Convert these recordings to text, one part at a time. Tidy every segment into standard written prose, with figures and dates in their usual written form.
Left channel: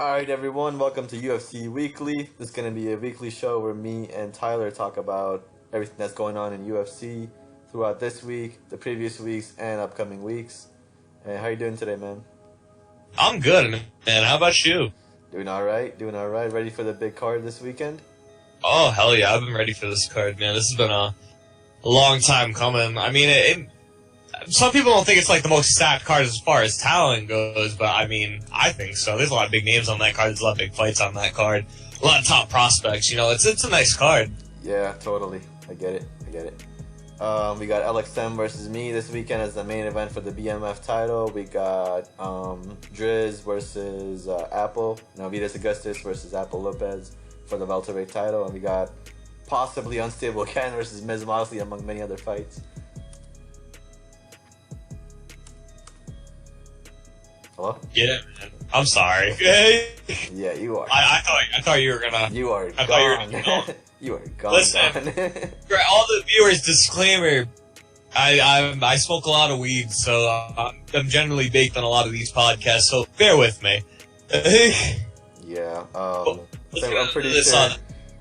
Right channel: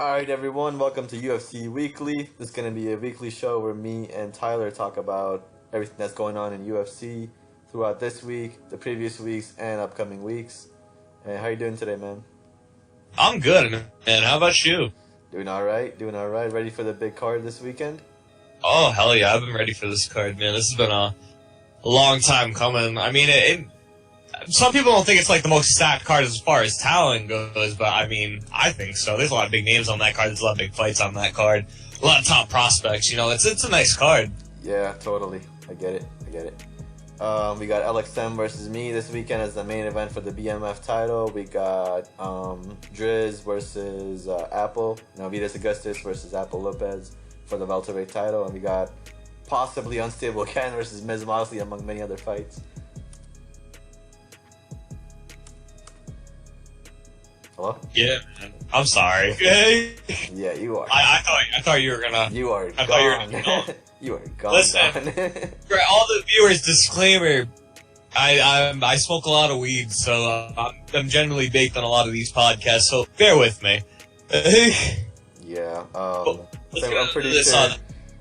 Alright everyone, welcome to UFC Weekly. This is going to be a weekly show where me and Tyler talk about everything that's going on in UFC throughout this week, the previous weeks, and upcoming weeks. And how you doing today, man? I'm good, man. How about you? Doing alright. Ready for the big card this weekend? Oh, hell yeah. I've been ready for this card, man. This has been a long time coming. I mean, some people don't think it's like the most stacked card as far as talent goes, but I mean, I think so. There's a lot of big names on that card. There's a lot of big fights on that card. A lot of top prospects. You know, it's a nice card. Yeah, totally. I get it. We got LXM versus me this weekend as the main event for the BMF title. We got Driz versus Apple. Vitas Augustus versus Apple Lopez for the welterweight title. And we got possibly Unstable Ken versus Miz Mosley, among many other fights. Hello? Yeah, man. I'm sorry. Yeah, you are. I thought you were gonna. You are I gone. thought you were gonna. You are gone. Listen, gone. for all the viewers, disclaimer. I smoke a lot of weed, so I'm generally baked on a lot of these podcasts. So bear with me. Yeah. I'm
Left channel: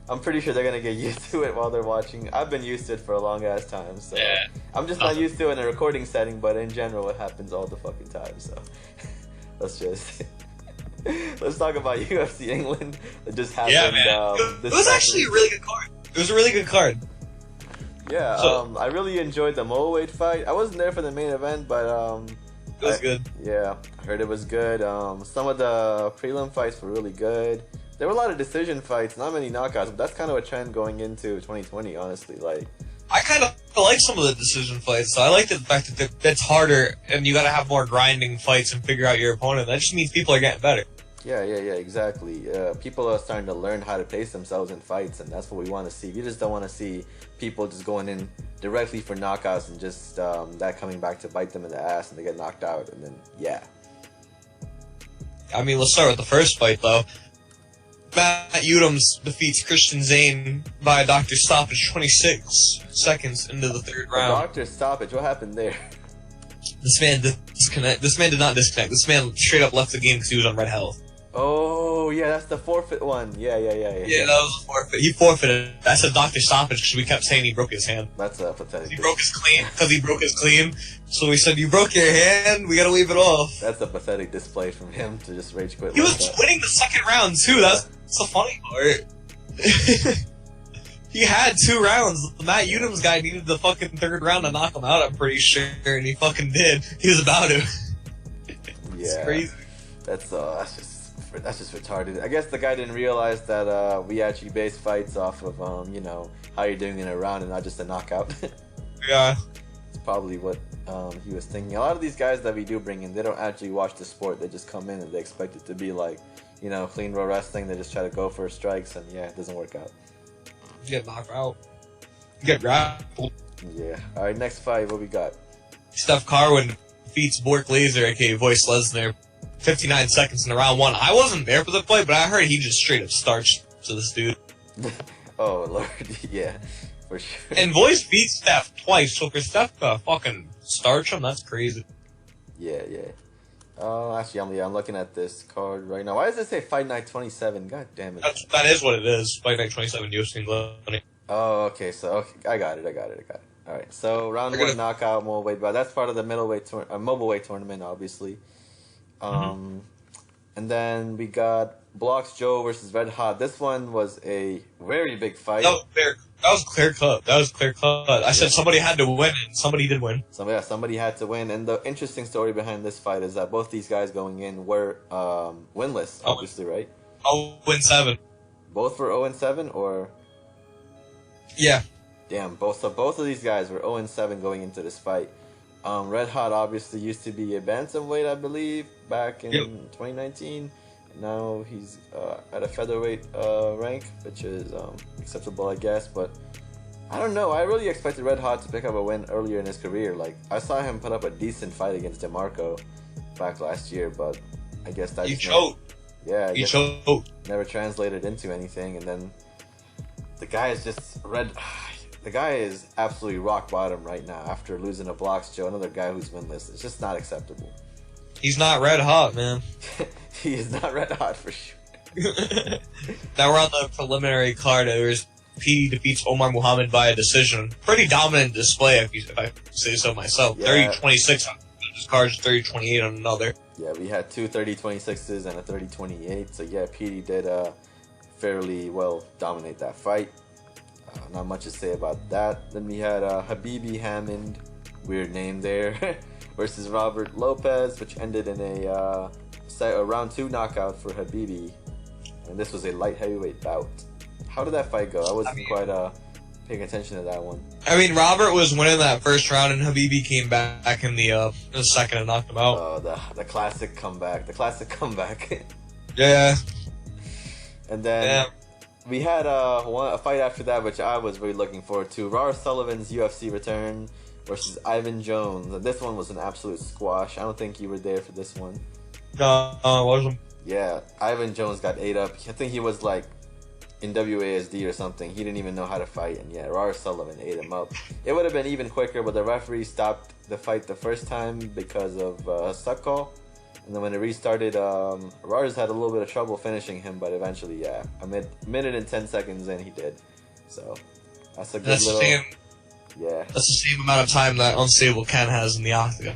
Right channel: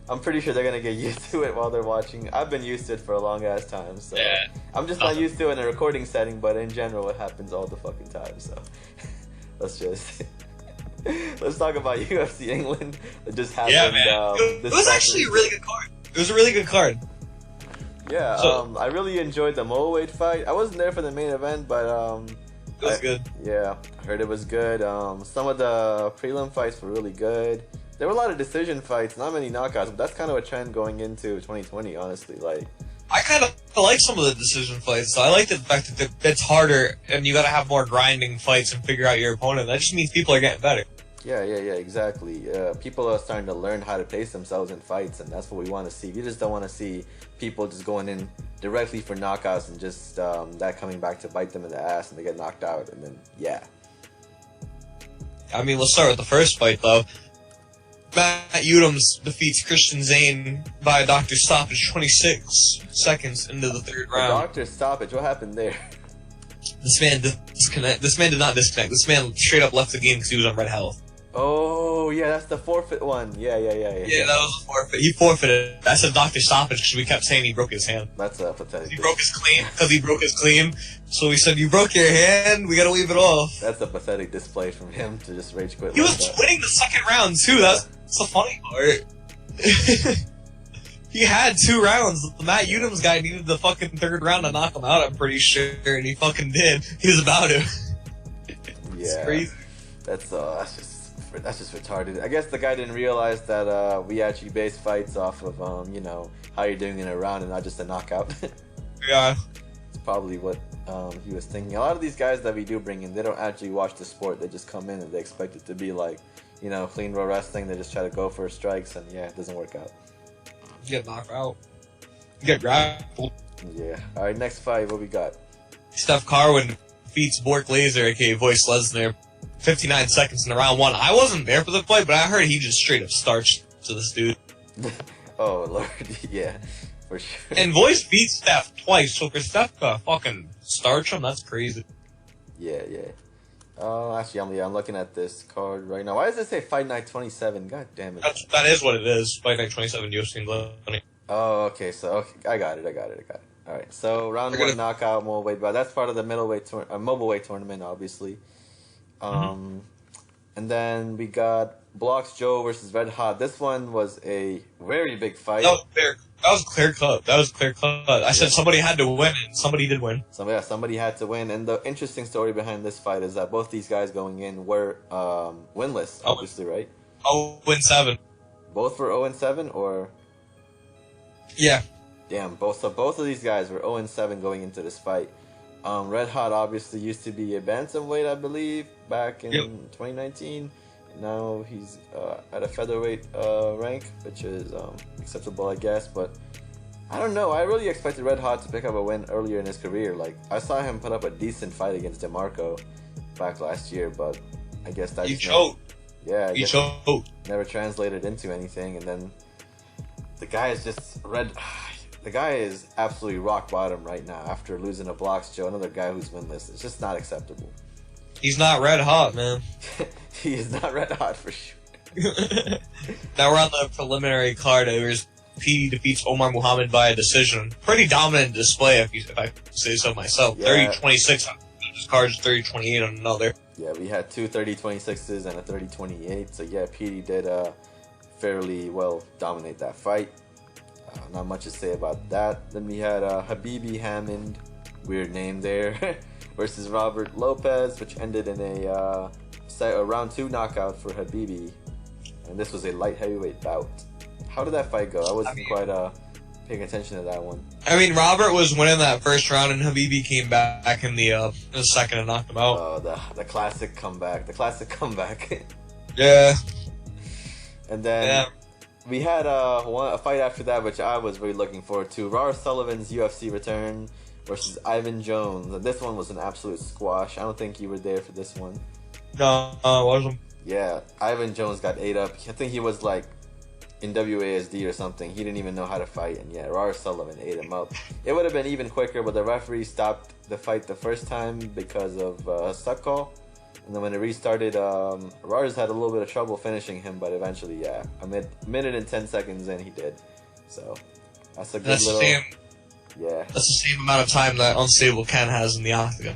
I'm pretty sure they're gonna get used to it while they're watching. I've been used to it for a long ass time, so yeah. I'm just not used to it in a recording setting. But in general, it happens all the fucking time. So let's talk about UFC England. It just happened. Yeah, man. It was actually a really good card. It was a really good card. Yeah, I really enjoyed the Moweight fight. I wasn't there for the main event, but it was good. Yeah, I heard it was good. Some of the prelim fights were really good. There were a lot of decision fights, not many knockouts, but that's kind of a trend going into 2020, honestly. Like, I kind of like some of the decision fights, so I like the fact that it's harder and you gotta have more grinding fights and figure out your opponent. That just means people are getting better. Yeah, exactly. People are starting to learn how to pace themselves in fights, and that's what we want to see. We just don't want to see people just going in directly for knockouts and just that coming back to bite them in the ass and they get knocked out, and then, yeah. I mean, let's start with the first fight, though. Matt Udums defeats Christian Zane by Dr. Stoppage 26 seconds into the third round. Dr. Stoppage, what happened there? This man did not disconnect. This man straight up left the game because he was on red health. Oh, yeah, that's the forfeit one. Yeah. Yeah, that was a forfeit. He forfeited. I said Dr. Stoppage because we kept saying he broke his hand. That's pathetic. He broke his clean. So we said, you broke your hand, we gotta wave it off. That's a pathetic display from him to just rage quit. He was winning the second round, too. Yeah. That's the funny part. He had 2 rounds. The Matt Udums guy needed the fucking third round to knock him out, I'm pretty sure, and he fucking did. He was about to. It's crazy. That's just retarded. I guess the guy didn't realize that we actually base fights off of how you're doing in a round and not just a knockout. Yeah. It's probably what he was thinking. A lot of these guys that we do bring in, they don't actually watch the sport. They just come in and they expect it to be like, clean row wrestling. They just try to go for strikes, and yeah, it doesn't work out. You get knocked out. You get grappled. Yeah. All right, next fight. What we got? Steph Carwin defeats Bork Laser, aka Voice Lesnar, 59 seconds in round 1. I wasn't there for the fight, but I heard he just straight up starched to this dude. Oh, Lord. Yeah, for sure. And Voice beat Steph twice, so for Steph to fucking starch him, that's crazy. Yeah. Actually, I'm looking at this card right now. Why does it say Fight Night 27? God damn it. That is what it is. Fight Night 27, UFC England. Oh, okay. So, I got it. All right. So, round 1 knockout, Moweight, but that's part of the mobile-weight tournament, obviously. And then we got Blocks Joe versus Red Hot. This one was a very big fight. That was clear cut. I said somebody had to win, and somebody did win. Somebody had to win. And the interesting story behind this fight is that both these guys going in were winless, obviously, right? 0-7. Both were 0-7, or? Yeah. Damn, both of these guys were 0-7 going into this fight. Red Hot obviously used to be a bantamweight, I believe, back in 2019. Now he's at a featherweight rank, which is acceptable, I guess. But I don't know. I really expected Red Hot to pick up a win earlier in his career. Like, I saw him put up a decent fight against DeMarco back last year, but I guess that never translated into anything. And then the guy is just The guy is absolutely rock bottom right now after losing a Blocks Joe, another guy who's winless. It's just not acceptable. He's not red hot, man. He is not red hot for sure. Now we're on the preliminary card. There's P defeats Omar Muhammad via decision. Pretty dominant display, if I say so myself. Yeah. 30-26 on his cards, 30-28 on another. Yeah, we had two 30-26s and a 30-28. So yeah, PD did fairly well dominate that fight. Not much to say about that. Then we had Habibi Hammond, weird name there, versus Robert Lopez, which ended in a round 2 knockout for Habibi. And this was a light heavyweight bout. How did that fight go? I wasn't quite paying attention to that one. I mean, Robert was winning that first round, and Habibi came back in the second and knocked him out. Oh, the classic comeback. The classic comeback. Yeah. And then we had a fight after that, which I was really looking forward to. Rar Sullivan's UFC return versus Ivan Jones. And this one was an absolute squash. I don't think you were there for this one. No, I wasn't. Yeah, Ivan Jones got ate up. I think he was like in WASD or something. He didn't even know how to fight, and yeah, Rar Sullivan ate him up. It would have been even quicker, but the referee stopped the fight the first time because of a suck call. And then when it restarted, Rars had a little bit of trouble finishing him, but eventually, yeah, a minute and 10 seconds in, he did. So that's a good little... Yeah. That's the same amount of time that Unstable Ken has in the octagon.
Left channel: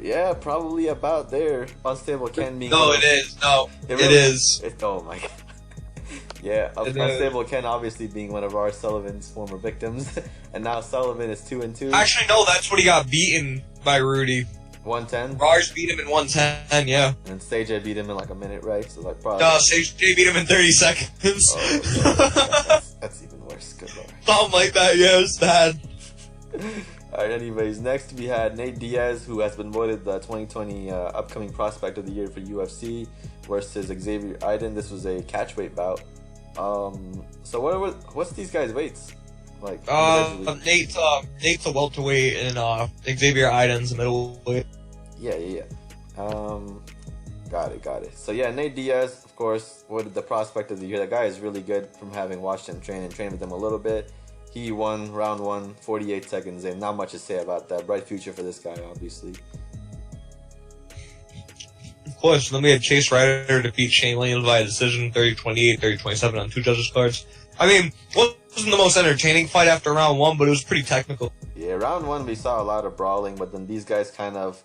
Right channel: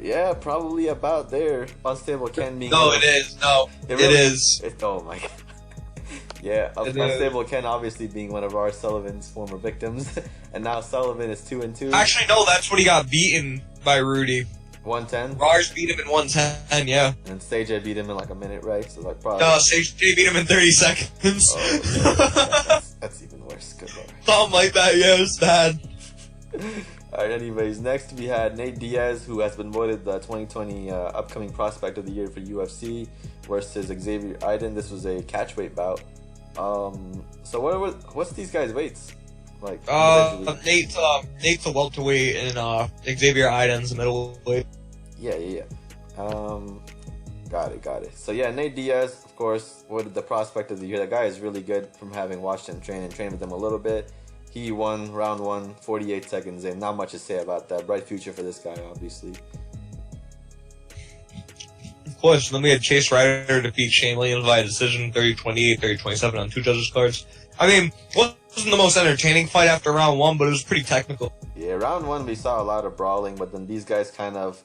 Yeah, probably about there. Unstable Ken being... No, it is. No, it is. Oh my god. Yeah, Unstable Ken obviously being one of our Sullivan's former victims, and now Sullivan is 2-2. Actually, no, that's when he got beaten by Rudy. 110. Rars beat him in 110, yeah. And Sage beat him in like a minute, right? So like probably. No, Sage beat him in 30 seconds. Oh, that's even worse. Good lord. Something like that, yeah, it was bad. Alright, anyways, next we had Nate Diaz, who has been voted the 2020 upcoming prospect of the year for UFC, versus Xavier Iden. This was a catchweight bout. So what's these guys' weights like? Nate's a welterweight and Xavier Iden's a middleweight. Yeah. Got it. So yeah, Nate Diaz, of course, voted the prospect of the year. That guy is really good from having watched him train with him a little bit. He won round 1, 48 seconds in. Not much to say about that. Bright future for this guy, obviously. Of course, then we had Chase Ryder defeat Shane Leon via decision, 30-28, 30-27 on 2 judges' cards. I mean, wasn't the most entertaining fight after round 1, but it was pretty technical. Yeah, round 1 we saw a lot of brawling, but then these guys kind of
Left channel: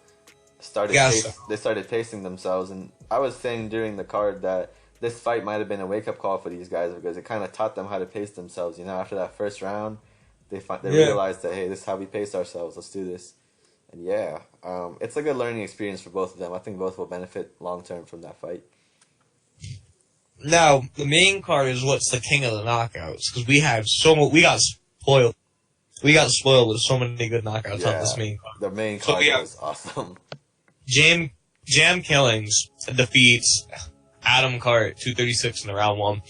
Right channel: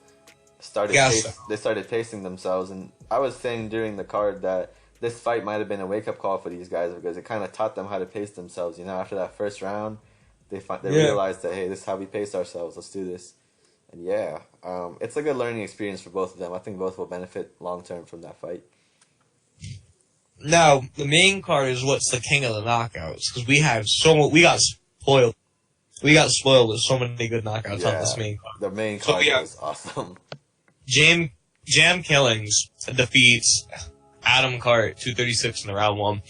started pacing themselves. And I was saying during the card that this fight might have been a wake-up call for these guys, because it kind of taught them how to pace themselves. You know, after that first round, they realized that, hey, this is how we pace ourselves. Let's do this. And yeah, it's a good learning experience for both of them. I think both will benefit long-term from that fight. Now, the main card is what's the king of the knockouts, because we got spoiled. We got spoiled with so many good knockouts on this main card. The main card was awesome. Jam Killings defeats Adam Cart, 236 in the round 1.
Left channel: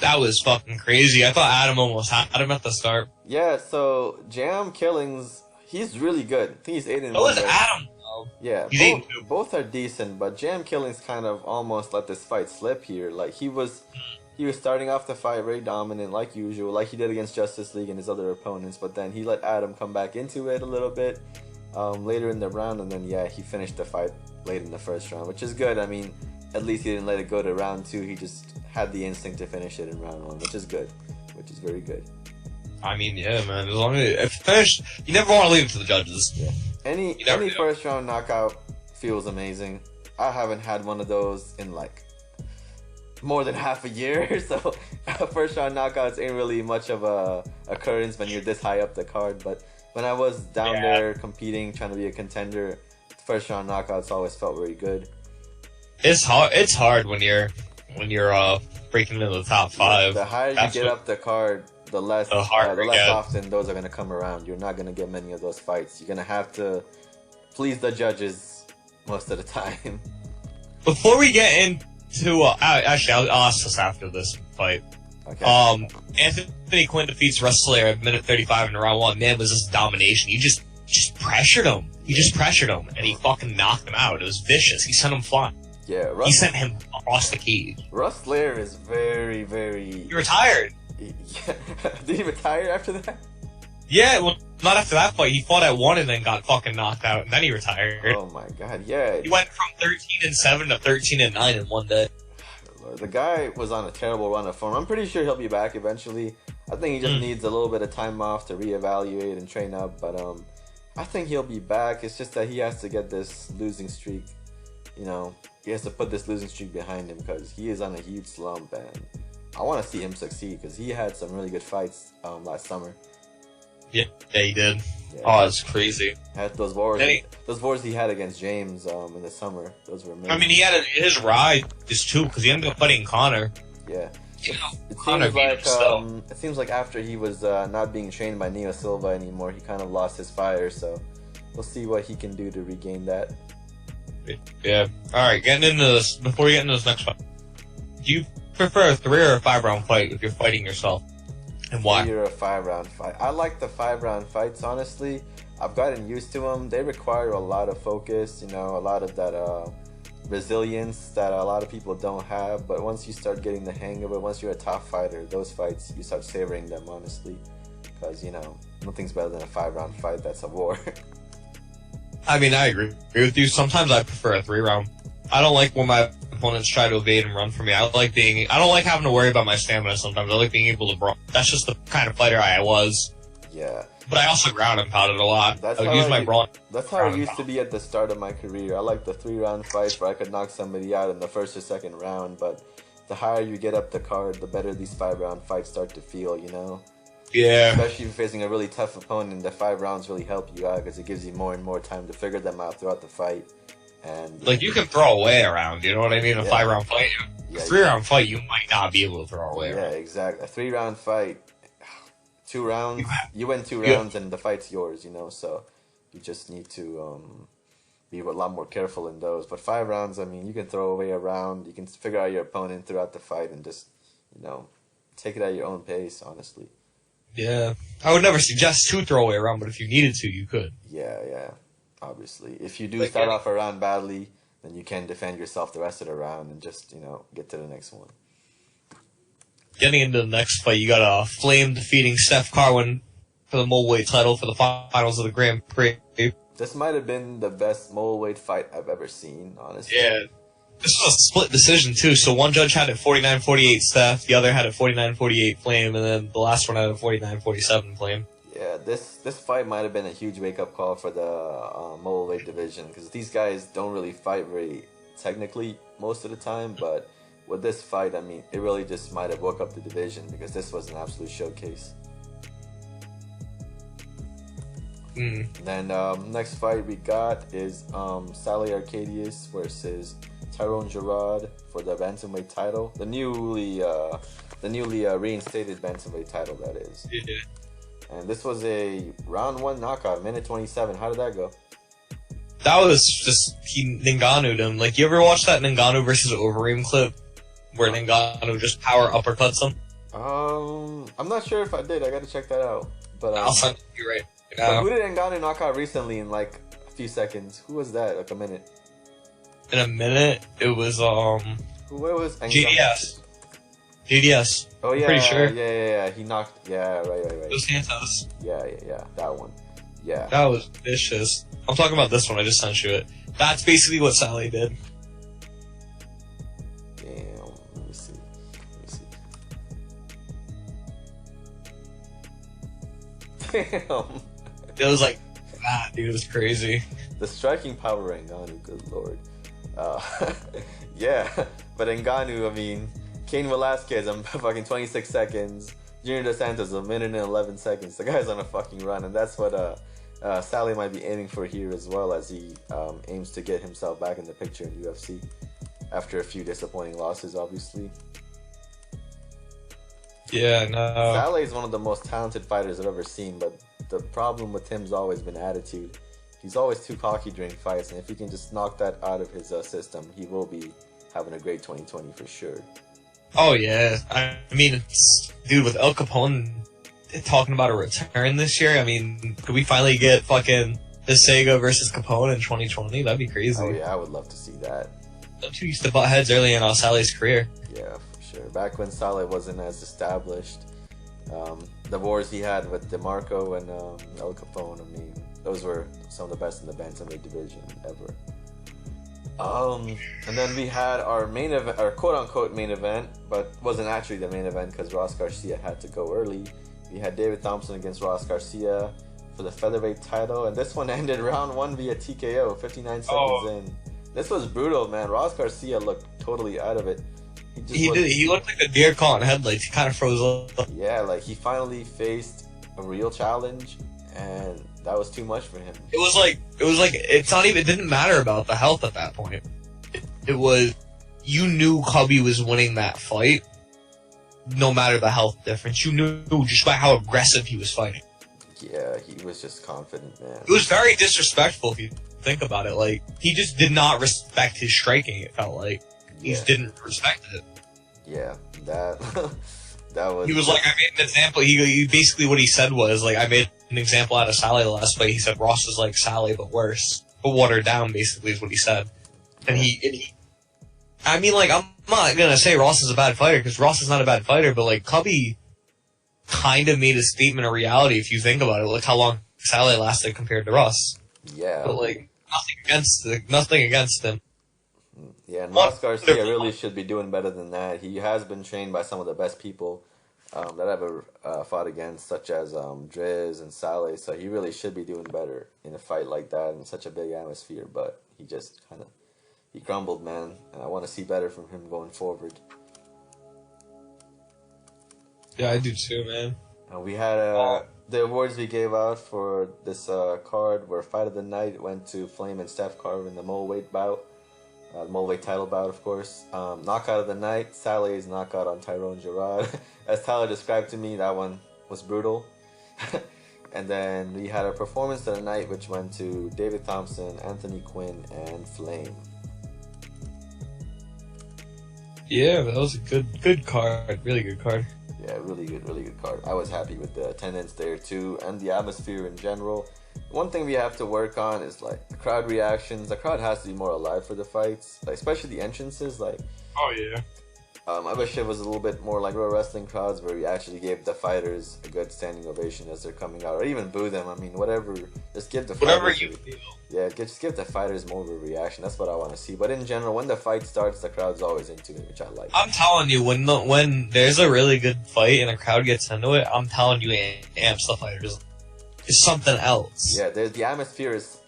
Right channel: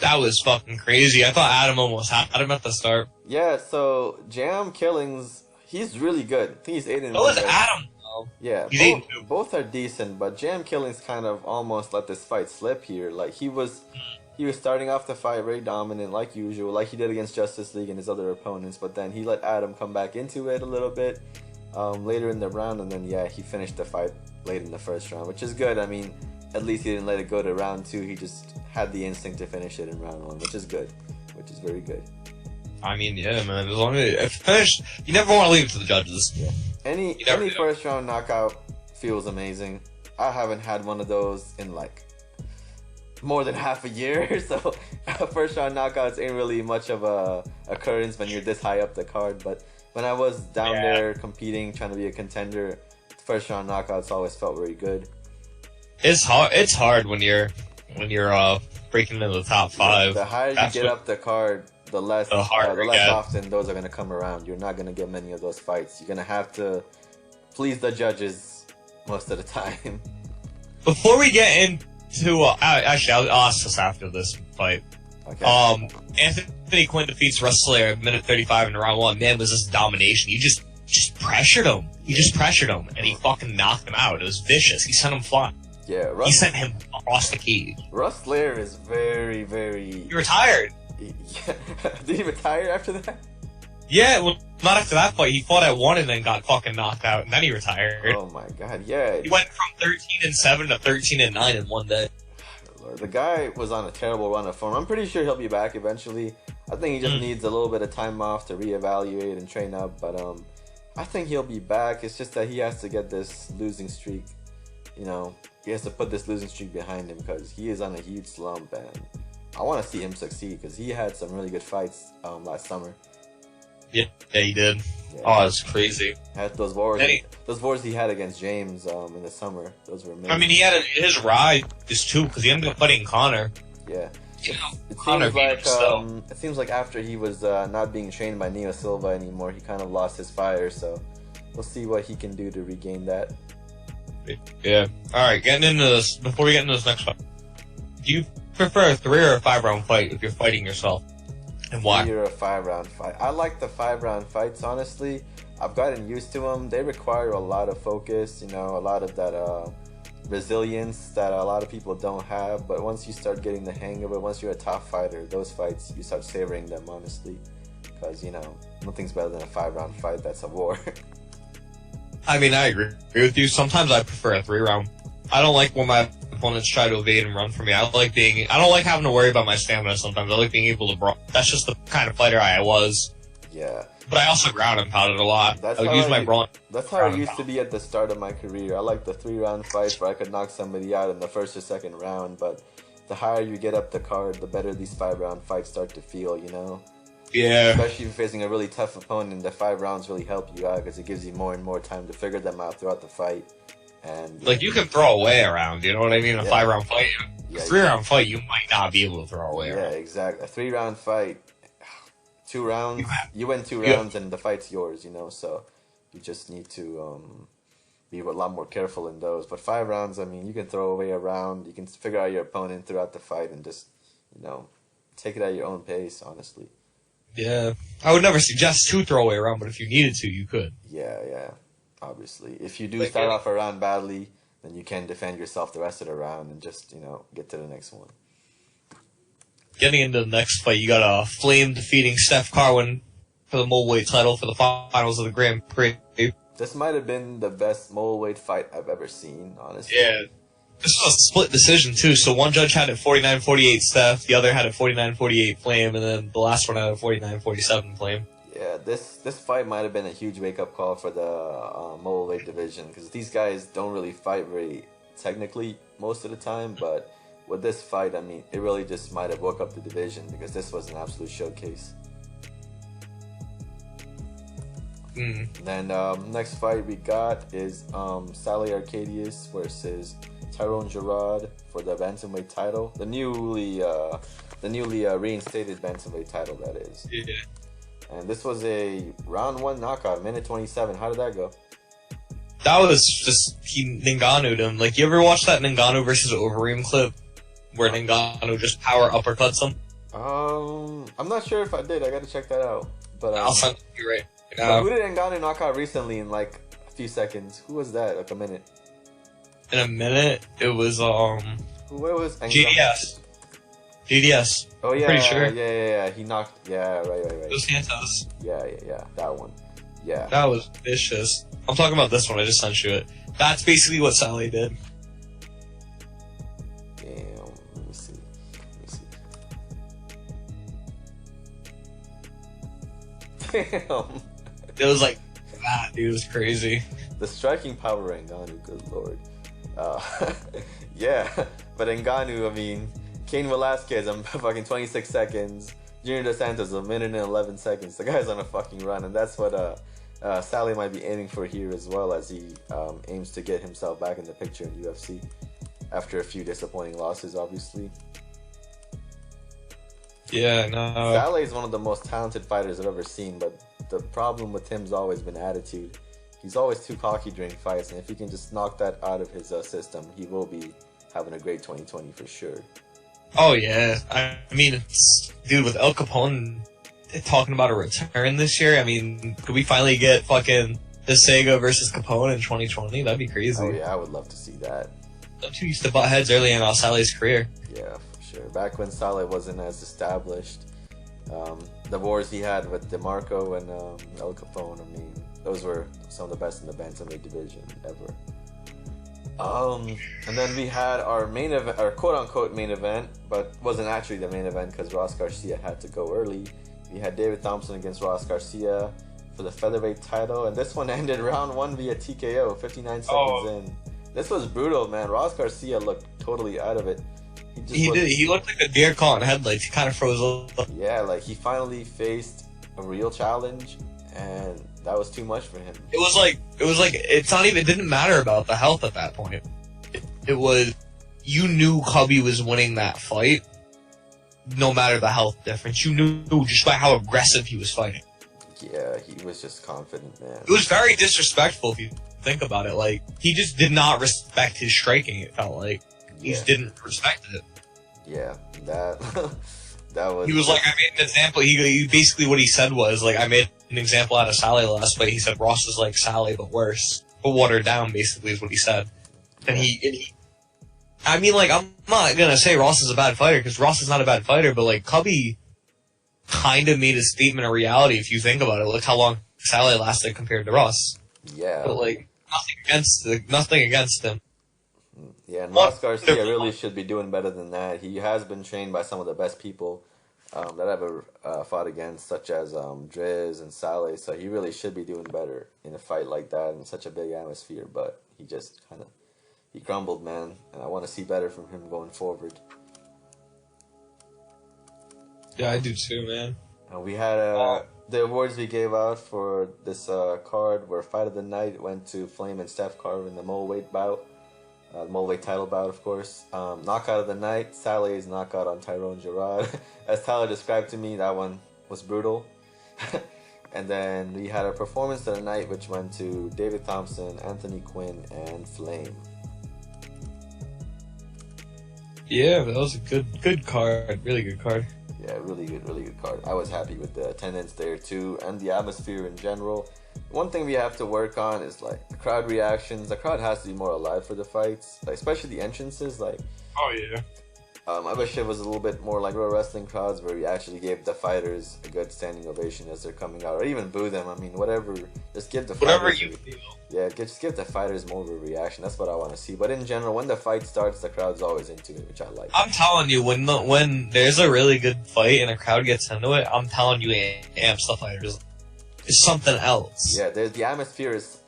That was fucking crazy. I thought Adam almost had him at the start. Yeah, so Jam Killings, he's really good. I think he's 8-1. So is Adam. Yeah, both are decent, but Jam Killings kind of almost let this fight slip here. Like he was starting off the fight very dominant, like usual, like he did against Justice League and his other opponents. But then he let Adam come back into it a little bit later in the round, and then he finished the fight late in the first round, which is good. I mean, at least he didn't let it go to round 2. He just had the instinct to finish it in round 1, which is good, which is very good. I mean, yeah, man. As long as it finished, you never want to leave it to the judges. Yeah. Any first round knockout feels amazing. I haven't had one of those in like more than half a year, so first round knockouts ain't really much of a occurrence when you're this high up the card. But when I was down there competing, trying to be a contender, first round knockouts always felt very good. It's hard when you're breaking into the top 5. The higher you get up the card, the less often those are going to come around. You're not going to get many of those fights. You're going to have to please the judges most of the time. Before we get into... actually, I'll ask this after this fight. Okay. Anthony Quinn defeats Russ Slayer at minute 35 in round 1. Man, was this domination. He just pressured him. He just pressured him, and he fucking knocked him out. It was vicious. He sent him flying. Yeah, he sent him across the cage. Russ Slayer is very, very... He retired. Yeah. Did he retire after that? Yeah, well, not after that fight. He fought at 1 and then got fucking knocked out, and then he retired. Oh my god, yeah. He went from 13-7 to 13-9 in one day. The guy was on a terrible run of form. I'm pretty sure he'll be back eventually. I think he just needs a little bit of time off to reevaluate and train up. But I think he'll be back. It's just that he has to get this losing streak. You know, he has to put this losing streak behind him because he is on a huge slump, and I want to see him succeed because he had some really good fights last summer. Yeah, he did. Yeah. Oh, it's crazy. Had those wars he had against James in the summer. Those were amazing. I mean, he had his rise too because he ended up fighting Connor. Yeah. It seems like after he was not being trained by Neo Silva anymore, he kind of lost his fire. So we'll see what he can do to regain that. Yeah. All right. Getting into this before we get into this next fight, do you prefer a 3 or a 5 round fight if you're fighting yourself, and why? 3 or a 5 round fight. I like the 5 round fights. Honestly, I've gotten used to them. They require a lot of focus. You know, a lot of that resilience that a lot of people don't have. But once you start getting the hang of it, once you're a top fighter, those fights you start savoring them honestly, because you know nothing's better than a 5 round fight. That's a war. I mean, I agree with you. Sometimes I prefer a 3 round. I don't like when my opponents try to evade and run from me. I don't like having to worry about my stamina sometimes. I like being able to brawl. That's just the kind of fighter I was. Yeah. But I also ground and pounded a lot. That's I would use my brawn. That's how it used to be at the start of my career. I like the 3 round fights where I could knock somebody out in the first or second round, but the higher you get up the card, the better these 5 round fights start to feel, you know? Yeah. Especially if you're facing a really tough opponent, the 5 rounds really help you out because it gives you more and more time to figure them out throughout the fight. And like, you can throw away around, you know what I mean? A 5 round fight. A 3 round fight, you might not be able to throw away. Yeah, exactly. A 3 round fight, 2 rounds, you win 2 rounds and the fight's yours, you know? So you just need to be a lot more careful in those. But 5 rounds, I mean, you can throw away a round, you can figure out your opponent throughout the fight and just, you know, take it at your own pace, honestly. Yeah. I would never suggest to throw away a round, but if you needed to, you could. Yeah. Obviously. If you do start off a round badly, then you can defend yourself the rest of the round and just, you know, get to the next one. Getting into the next fight, you got a Flame defeating Steph Carwin for the middleweight title for the finals of the Grand Prix. This might have been the best middleweight fight I've ever seen, honestly. Yeah. This was a split decision, too. So one judge had it 49-48 Steph, the other had it 49-48 Flame, and then the last one had it 49-47 Flame. Yeah, this fight might have been a huge wake-up call for the middleweight division, because these guys don't really fight very technically most of the time, but with this fight, I mean, it really just might have woke up the division, because this was an absolute showcase. Then next fight we got is Sally Arcadius versus Tyrone Gerard for the bantamweight title, the newly reinstated bantamweight title, that is. Yeah. And this was a round 1 knockout, minute 27. How did that go? That was just, he Ngannou'd him. Like, you ever watch that Ngannou versus Overeem clip where Ngannou just power uppercuts him? I'm not sure if I did. I gotta check that out. But I'll send it to you right now. But who did Ngannou knock out recently in like a few seconds? Who was that? Like a minute? In a minute, it was, Who was GDS. GDS. Oh, yeah. Pretty sure. Yeah. He knocked. Yeah, right. Dos Santos. Yeah. That one. Yeah. That was vicious. I'm talking about this one. I just sent you it. That's basically what Sally did. Damn. Let me see. Damn. It was like that, dude. It was crazy. The striking power of Ngannou, good lord. Yeah, but Ngannou, I mean, Cain Velasquez, I'm fucking 26 seconds. Junior Dos Santos, a minute and 11 seconds. The guy's on a fucking run, and that's what Sally might be aiming for here as well, as he aims to get himself back in the picture in UFC after a few disappointing losses, obviously. Yeah, no. Sally is one of the most talented fighters I've ever seen, but the problem with him's always been attitude. He's always too cocky during fights, and if he can just knock that out of his system, he will be having a great 2020 for sure. Oh, yeah. I mean, dude, with El Capone talking about a return this year, I mean, could we finally get fucking Sega versus Capone in 2020? That'd be crazy. Oh, yeah, I would love to see that. Them two used to butt heads early in Sally's career. Yeah, for sure. Back when Sally wasn't as established, The wars he had with DeMarco and El Capone, I mean, those were some of the best in the bantamweight division ever. And then we had our main event, our quote-unquote main event, but wasn't actually the main event because Ross Garcia had to go early. We had David Thompson against Ross Garcia for the featherweight title, and this one ended round 1 via TKO, 59 seconds in. This was brutal, man. Ross Garcia looked totally out of it. He looked like a deer caught in headlights. He kind of froze up. Yeah, like he finally faced a real challenge, and that was too much for him. It was like it's not even. It didn't matter about the health at that point. It was, you knew Cubby was winning that fight, no matter the health difference. You knew just by how aggressive he was fighting. Yeah, he was just confident, man. It was very disrespectful if you think about it. Like, he just did not respect his striking. It felt like he just didn't respect it. Yeah, that was. He was like, I made an example. He basically what he said was like, I made an example out of Sally last fight. He said Ross was like Sally but worse, but watered down. Basically, is what he said. And he I mean, like, I'm not gonna say Ross is a bad fighter because Ross is not a bad fighter, but like Cubby kind of made a statement of reality if you think about it. Look how long Sally lasted compared to Ross. Yeah, but like nothing against him. Yeah, and Ross Garcia really should be doing better than that. He has been trained by some of the best people that I've ever fought against, such as Driz and Saleh, so he really should be doing better in a fight like that in such a big atmosphere, but he just he crumbled, man, and I want to see better from him going forward. Yeah, I do too, man. And we had the awards we gave out for this card were Fight of the Night went to Flame and Steph Carver in the Mulweight bout. The Mulweight title bout, of course. Knockout of the night, Saleh's knockout on Tyrone Gerard. As Tyler described to me, that one was brutal. And then we had a performance of the night, which went to David Thompson, Anthony Quinn, and Flame. Yeah, that was a good card. Really good card. Yeah, really good card. I was happy with the attendance there too, and the atmosphere in general. One thing we have to work on is like the crowd reactions. The crowd has to be more alive for the fights, like, especially the entrances. Like, oh yeah. I wish it was a little bit more like real wrestling crowds where we actually gave the fighters a good standing ovation as they're coming out, or even boo them. I mean, whatever. Just give the fighters. Yeah, just give the fighters more of a reaction. That's what I want to see. But in general, when the fight starts, the crowd's always into it, which I like. I'm telling you, when there's a really good fight and a crowd gets into it, I'm telling you, it amps the fighters. It's something else. Yeah, the atmosphere is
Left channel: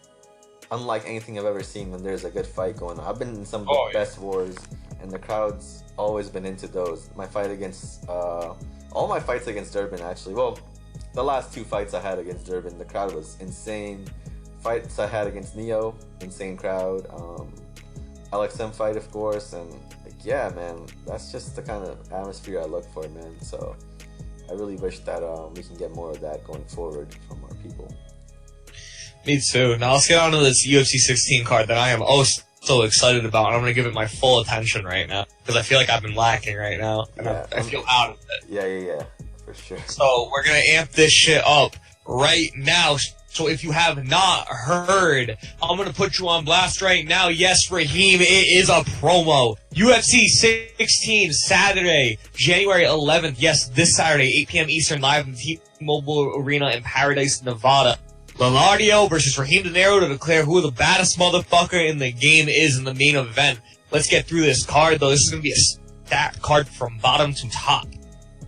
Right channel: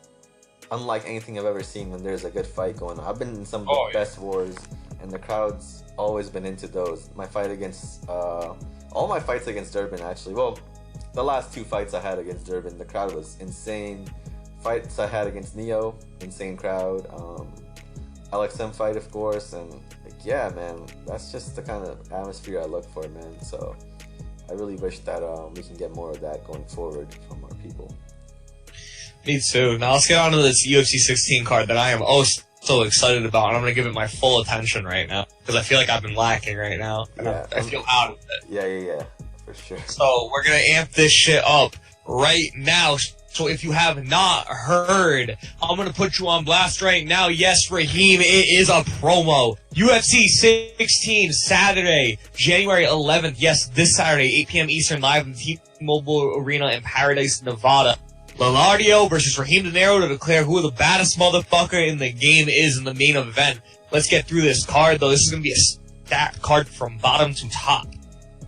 unlike anything I've ever seen when there's a good fight going on. I've been in some of the best wars, and the crowd's always been into those. My fight against, all my fights against Durbin, actually. Well, the last 2 fights I had against Durbin, the crowd was insane. Fights I had against Neo, insane crowd. LXM fight, of course, and like, yeah, man, that's just the kind of atmosphere I look for, man. So I really wish that we can get more of that going forward from our people. Me too. Now let's get on to this UFC 16 card that I am so excited about, and I'm going to give it my full attention right now because I feel like I've been lacking right now. Yeah, I feel out of it. Yeah, for sure. So we're going to amp this shit up right now. So if you have not heard, I'm going to put you on blast right now. Yes, Raheem, it is a promo. UFC 16, Saturday, January 11th. Yes, this Saturday, 8 p.m. Eastern, live in the T-Mobile Arena in Paradise, Nevada. Lombardio versus Raheem De Niro to declare who the baddest motherfucker in the game is in the main event. Let's get through this card, though. This is going to be a stacked card from bottom to top.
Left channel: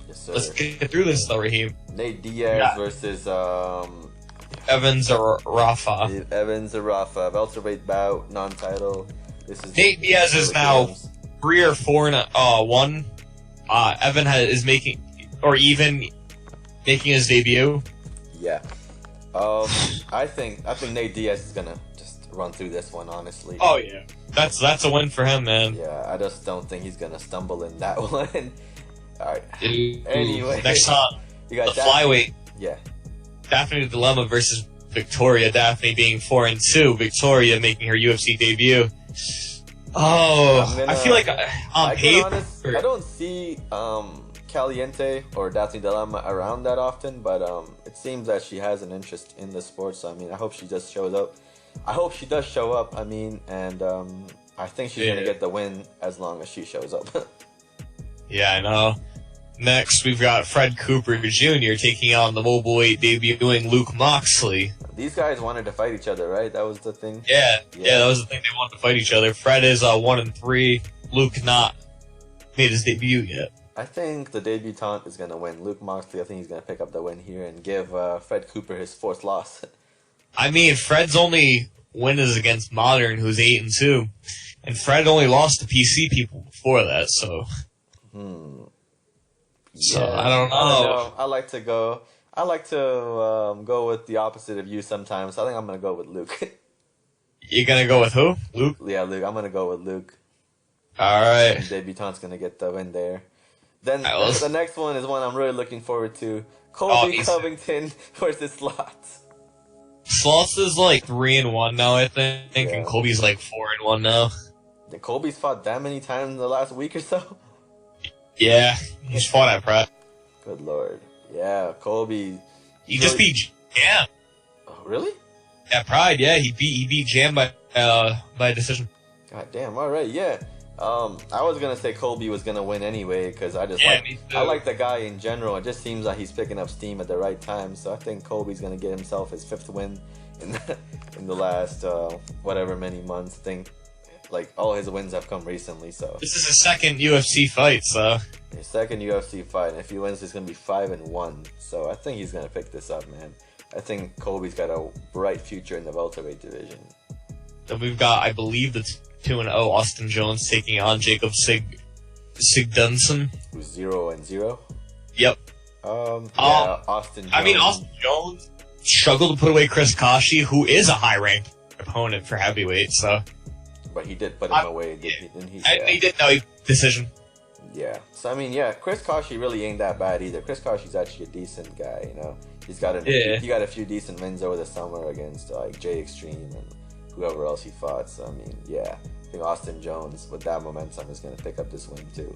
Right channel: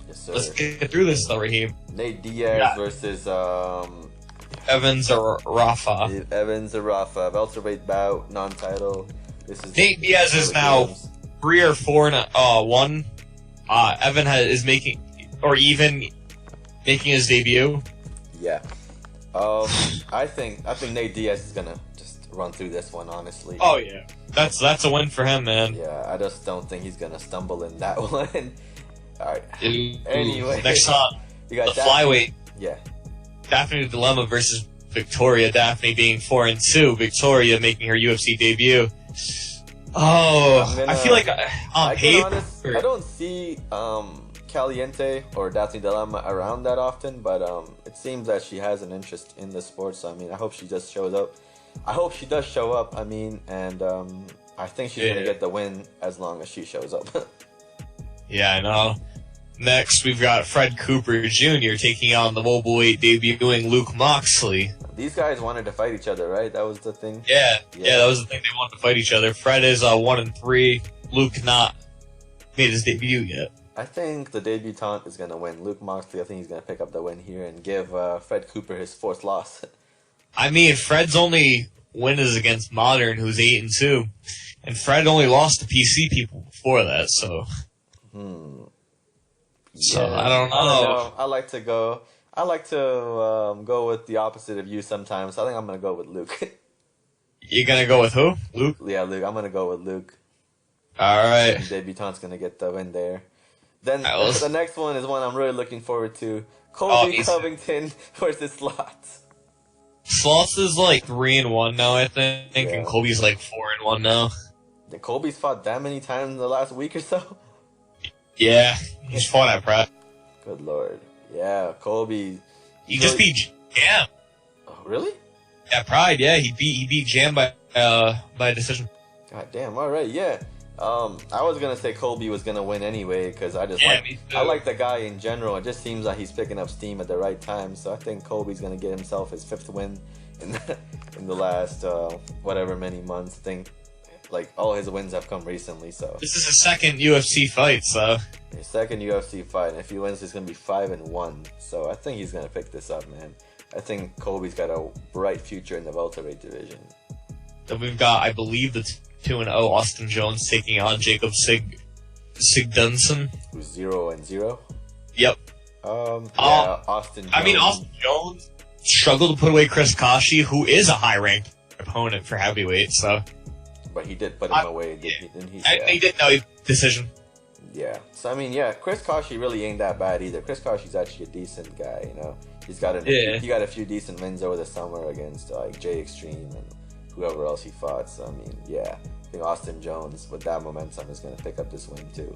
Yes, sir. Let's get through this, though, Raheem. Nate Diaz versus... Evans or Rafa. Evans or Rafa. Welterweight bout, non-title. This is Nate Diaz is now 3 or 4-1. Evan is making his debut. Yeah. I think Nate Diaz is gonna just run through this one, honestly. Oh yeah. That's a win for him, man. Yeah, I just don't think he's gonna stumble in that one. Alright. Anyway. Next up, you got the flyweight. Yeah. Daphne Dilemma versus Victoria. Daphne being 4-2. Victoria making her UFC debut. Oh, I feel like on paper, I don't see Caliente or Daphne Dilemma around that often, but it seems that she has an interest in the sport. So I mean, I hope she just shows up. I hope she does show up. I mean, and I think she's gonna get the win as long as she shows up. Yeah, I know. Next, we've got Fred Cooper Jr. taking on the mobile weight debuting Luke Moxley. These guys wanted to fight each other, right? That was the thing? Yeah, that was the thing. They wanted to fight each other. Fred is 1-3. Luke not made his debut yet. I think the debutant is going to win. Luke Moxley, I think he's going to pick up the win here and give Fred Cooper his fourth loss. I mean, Fred's only win is against Modern, who's 8-2. And Fred only lost to PC people before that, so... So, Yeah, I don't know. I like to go with the opposite of you sometimes. I think I'm going to go with Luke. You're going to go with who? Luke? Yeah, Luke. I'm going to go with Luke. Alright. Debutant's going to get the win there. Then the next one is one I'm really looking forward to. Colby Covington versus Slots. Slots is like 3-1 now, I think, and Colby's like 4-1 now. Did Colby's fought that many times in the last week or so? Yeah, he's fought at Pride. Good lord. Yeah, Colby. He just beat Jam. Oh, really? At Pride, yeah, he beat Jam by decision. God damn, alright, yeah. I was gonna say Colby was gonna win anyway because I like the guy in general. It just seems like he's picking up steam at the right time. So I think Colby's gonna get himself his 5th win in the last whatever many months. I think like all his wins have come recently. So this is his second UFC fight. So his second UFC fight, and if he wins, he's gonna be 5-1. So I think he's gonna pick this up, man. I think Colby's got a bright future in the welterweight division. Then we've got, I believe, the 2-0 Austin Jones taking on Jacob Sigdunson. Who's 0-0? Yep. Austin Jones. I mean, Austin Jones struggled to put away Chris Kashi, who is a high-ranked opponent for heavyweight, so... But he did put him away, didn't he? He did, no, decision. Yeah. So, I mean, yeah, Chris Kashi really ain't that bad either. Chris Kashi's actually a decent guy, you know? He got a few decent wins over the summer against, like, J Extreme and whoever else he fought. So, I mean, yeah. I think Austin Jones, with that momentum, is going to pick up this win, too.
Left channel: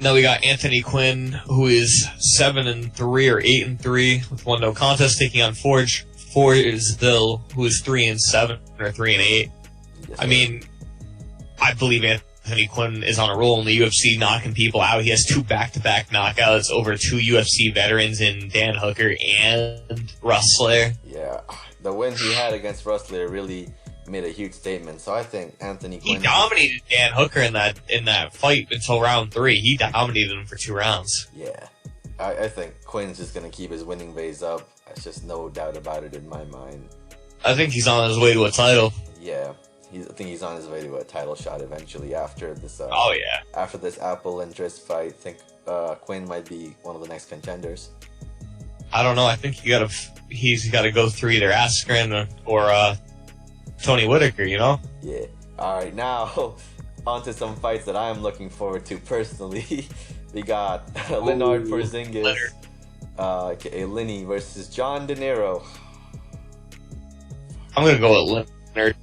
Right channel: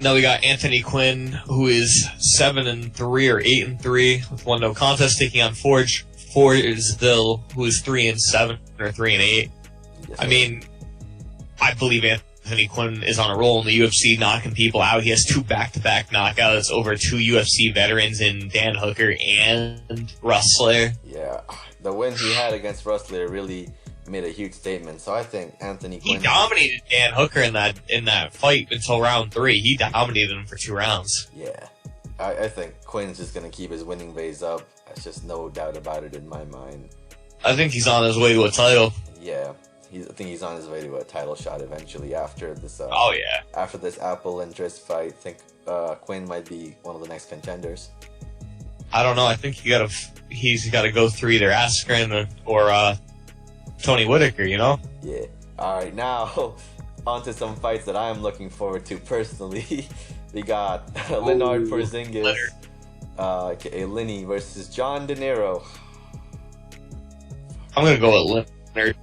Now we got Anthony Quinn, who is 7-3 or 8-3 with 1 no contest, taking on Forestville, who is 3-7 or 3-8. Yes, I mean, I believe Anthony Quinn is on a roll in the UFC, knocking people out. He has 2 back-to-back knockouts over 2 UFC veterans in Dan Hooker and Rustler. Yeah, the win he had against Rustler really made a huge statement. So I think Anthony Quinn... He dominated Dan Hooker in that fight until round 3. He dominated him for 2 rounds. Yeah, I think Quinn's just going to keep his winning ways up. There's just no doubt about it in my mind. I think he's on his way to a title. Yeah. I think he's on his way to a title shot eventually after this. After this Apple and Driss fight, I think Quinn might be one of the next contenders. I don't know. I think he's got to go through either Askren or Tony Whitaker. You know? Yeah. All right. Now on to some fights that I'm looking forward to personally. We got Leonard Porzingis, aka Lenny, versus John De Niro. I'm gonna go with Leonard.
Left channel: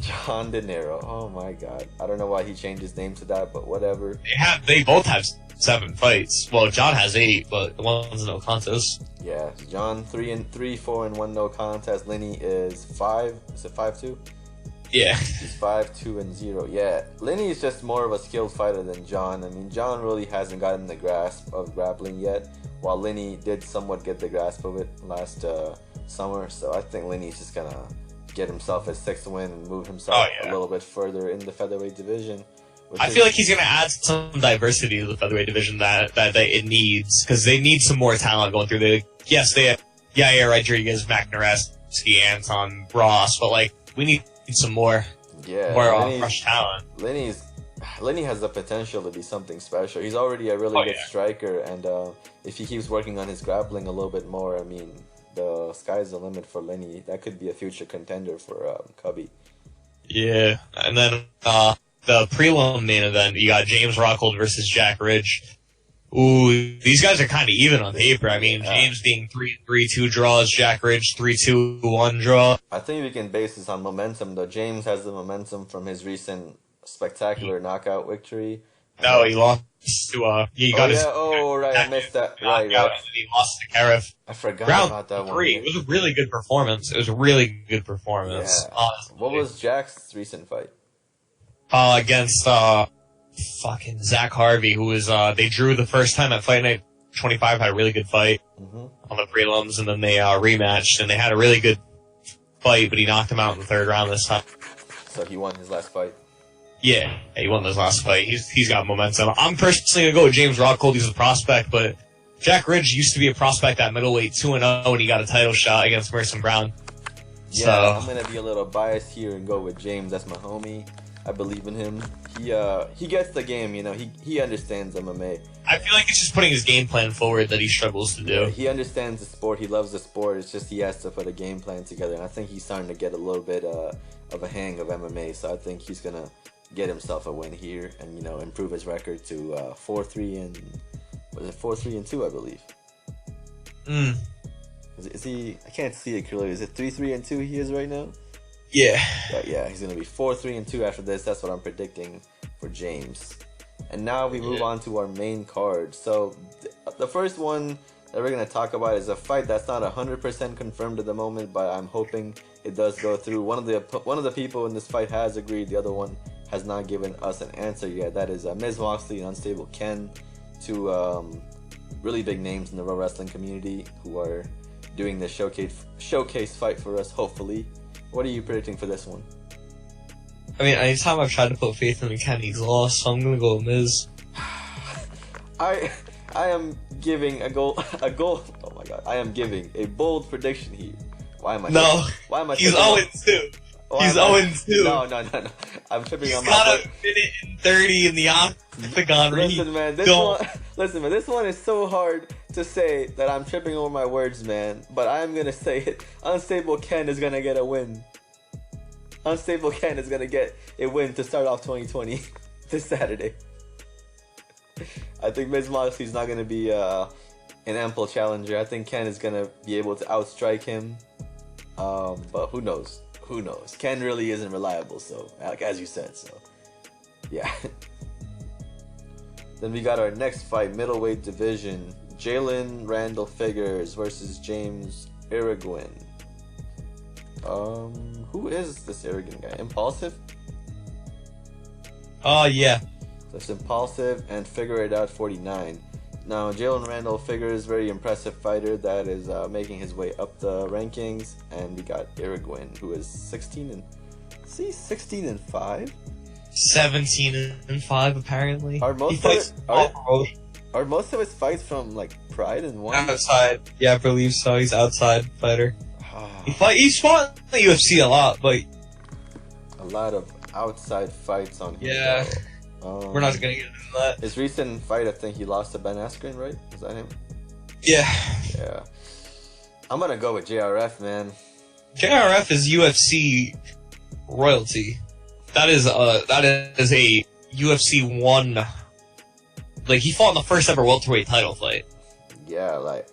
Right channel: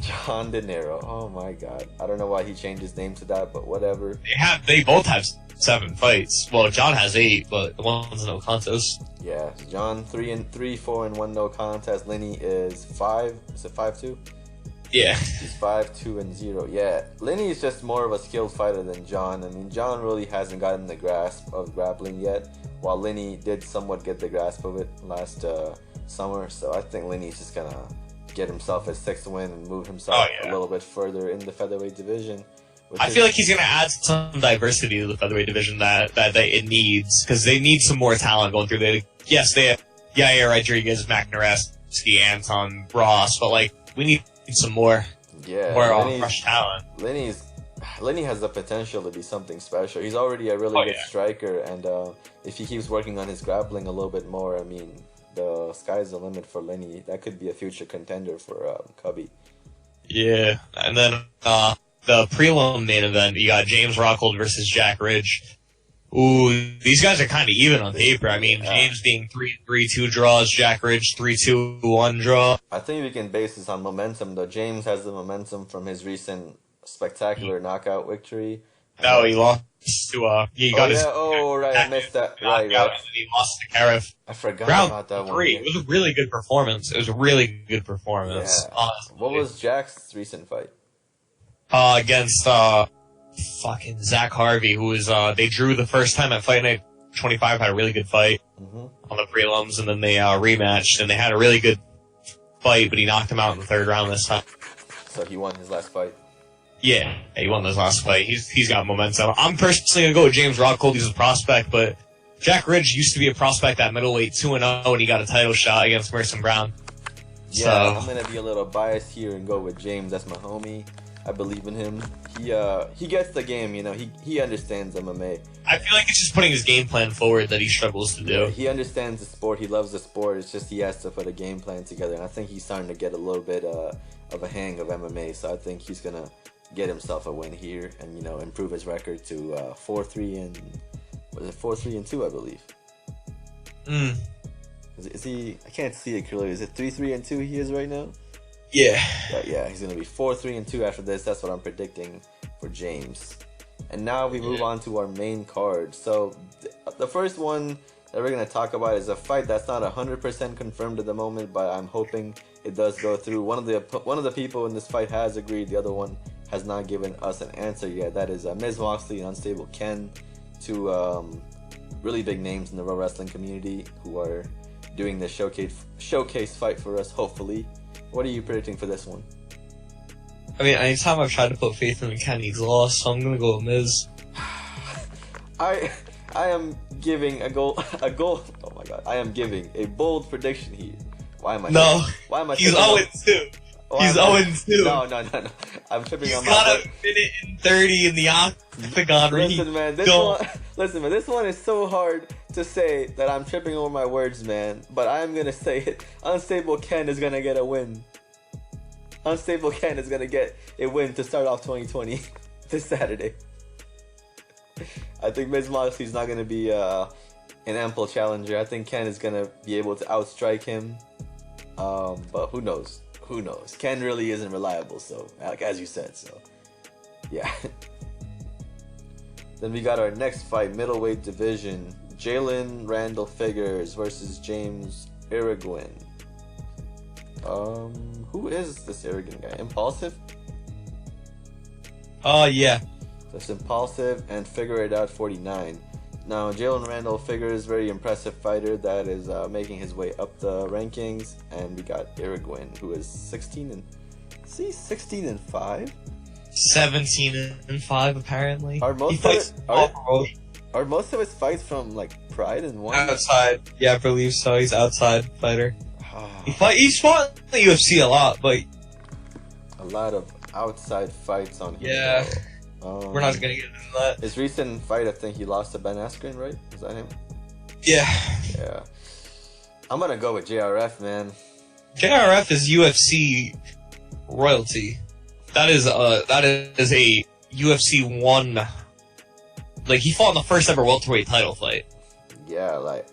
John De Niro. Oh my god. I don't know why he changed his name to that, but whatever. They both have 7 fights. Well, John has 8, but one's no contest. Yeah. John 3-3, 4-1 no contest. Lenny is 5. Is it 5-2? Yeah. He's 5-2-0. Yeah. Lenny is just more of a skilled fighter than John. I mean, John really hasn't gotten the grasp of grappling yet, while Lenny did somewhat get the grasp of it last summer. So I think Lenny's just gonna get himself his 6th win and move himself a little bit further in the featherweight division. I feel like he's going to add some diversity to the featherweight division that it needs, because they need some more talent going through. They have Yair Rodriguez, Mac Nareski, Anton Ross, but like we need some more fresh talent. Lenny has the potential to be something special. He's already a really good striker, and if he keeps working on his grappling a little bit more, I mean, the sky's the limit for Lenny. That could be a future contender for Cubby. Yeah, and then the prelim main event, you got James Rockhold versus Jack Ridge. Ooh, these guys are kind of even on paper. I mean, James being 3-2 draws, Jack Ridge 3-2-1 draw. I think we can base this on momentum, though. James has the momentum from his recent spectacular knockout victory. No, he lost to I missed that. Right. He lost to Karev. I forgot about that 3. one. It was a really good performance. Yeah. Honestly. What was Jack's recent fight? Against fucking Zach Harvey, who was, they drew the first time at Fight Night 25, had a really good fight on the prelims, and then they rematched, and they had a really good fight, but he knocked him out in the third round this time. So he won his last fight? Yeah, he won his last fight. He's got momentum. I'm personally going to go with James Rockhold. He's a prospect, but Jack Ridge used to be a prospect at middleweight, 2-0, and he got a title shot against Merson Brown. Yeah, so I'm going to be a little biased here and go with James. That's my homie. I believe in him. He gets the game, you know. He understands MMA. I feel like it's just putting his game plan forward that he struggles to do. Yeah, he understands the sport. He loves the sport. It's just he has to put a game plan together. And I think he's starting to get a little bit of a hang of MMA. So I think he's going to get himself a win here and, you know, improve his record to 4-3 and... Was it 4-3-2, I believe? Is he... I can't see it clearly. Is it 3-3-2 he is right now? Yeah. Yeah, he's going to be 4-3-2 after this. That's what I'm predicting for James. And now we move on to our main card. So the first one that we're going to talk about is a fight that's not 100% confirmed at the moment, but I'm hoping it does go through. One of the people in this fight has agreed. The other one has not given us an answer yet. That is Miz Moxley and Unstable Ken, two really big names in the pro wrestling community who are doing the showcase fight for us, hopefully. What are you predicting for this one? I mean, anytime I've tried to put faith in Ken, he's lost, so I'm gonna go with Miz. I am giving a goal. Oh my god! I am giving a bold prediction here. Why am I? No. Why am I? He's 0-2. He's 0-2. No. I'm tripping on my. He's got a minute and 30 in the octagon. Listen, man. This one is so hard to say that I'm tripping over my words, man. But I am gonna say it. Unstable Ken is gonna get a win. Unstable Ken is gonna get a win to start off 2020 this Saturday. I think Miz Moxley's not gonna be an ample challenger. I think Ken is gonna be able to outstrike him. But who knows? Who knows? Ken really isn't reliable, so like as you said, so yeah. Then we got our next fight, middleweight division. Jalen Randall Figures versus James Irwin. Who is this arrogant guy? Impulsive? Yeah. So it's Impulsive and Figure It Out 49. Now, Jalen Randall Figures, very impressive fighter that is making his way up the rankings. And we got Irwin, who is 16 and 5? 17-5 apparently. Are most of his fights from like Pride and one? Outside. Yeah, I believe so. He's outside fighter. He's fought in the UFC a lot, but a lot of outside fights on him. Yeah. We're not gonna get into that. His recent fight, I think he lost to Ben Askren, right? Is that him? Yeah. Yeah. I'm gonna go with JRF, man. JRF is UFC royalty. That is a UFC 1. Like, he fought in the first ever welterweight title fight. Yeah, like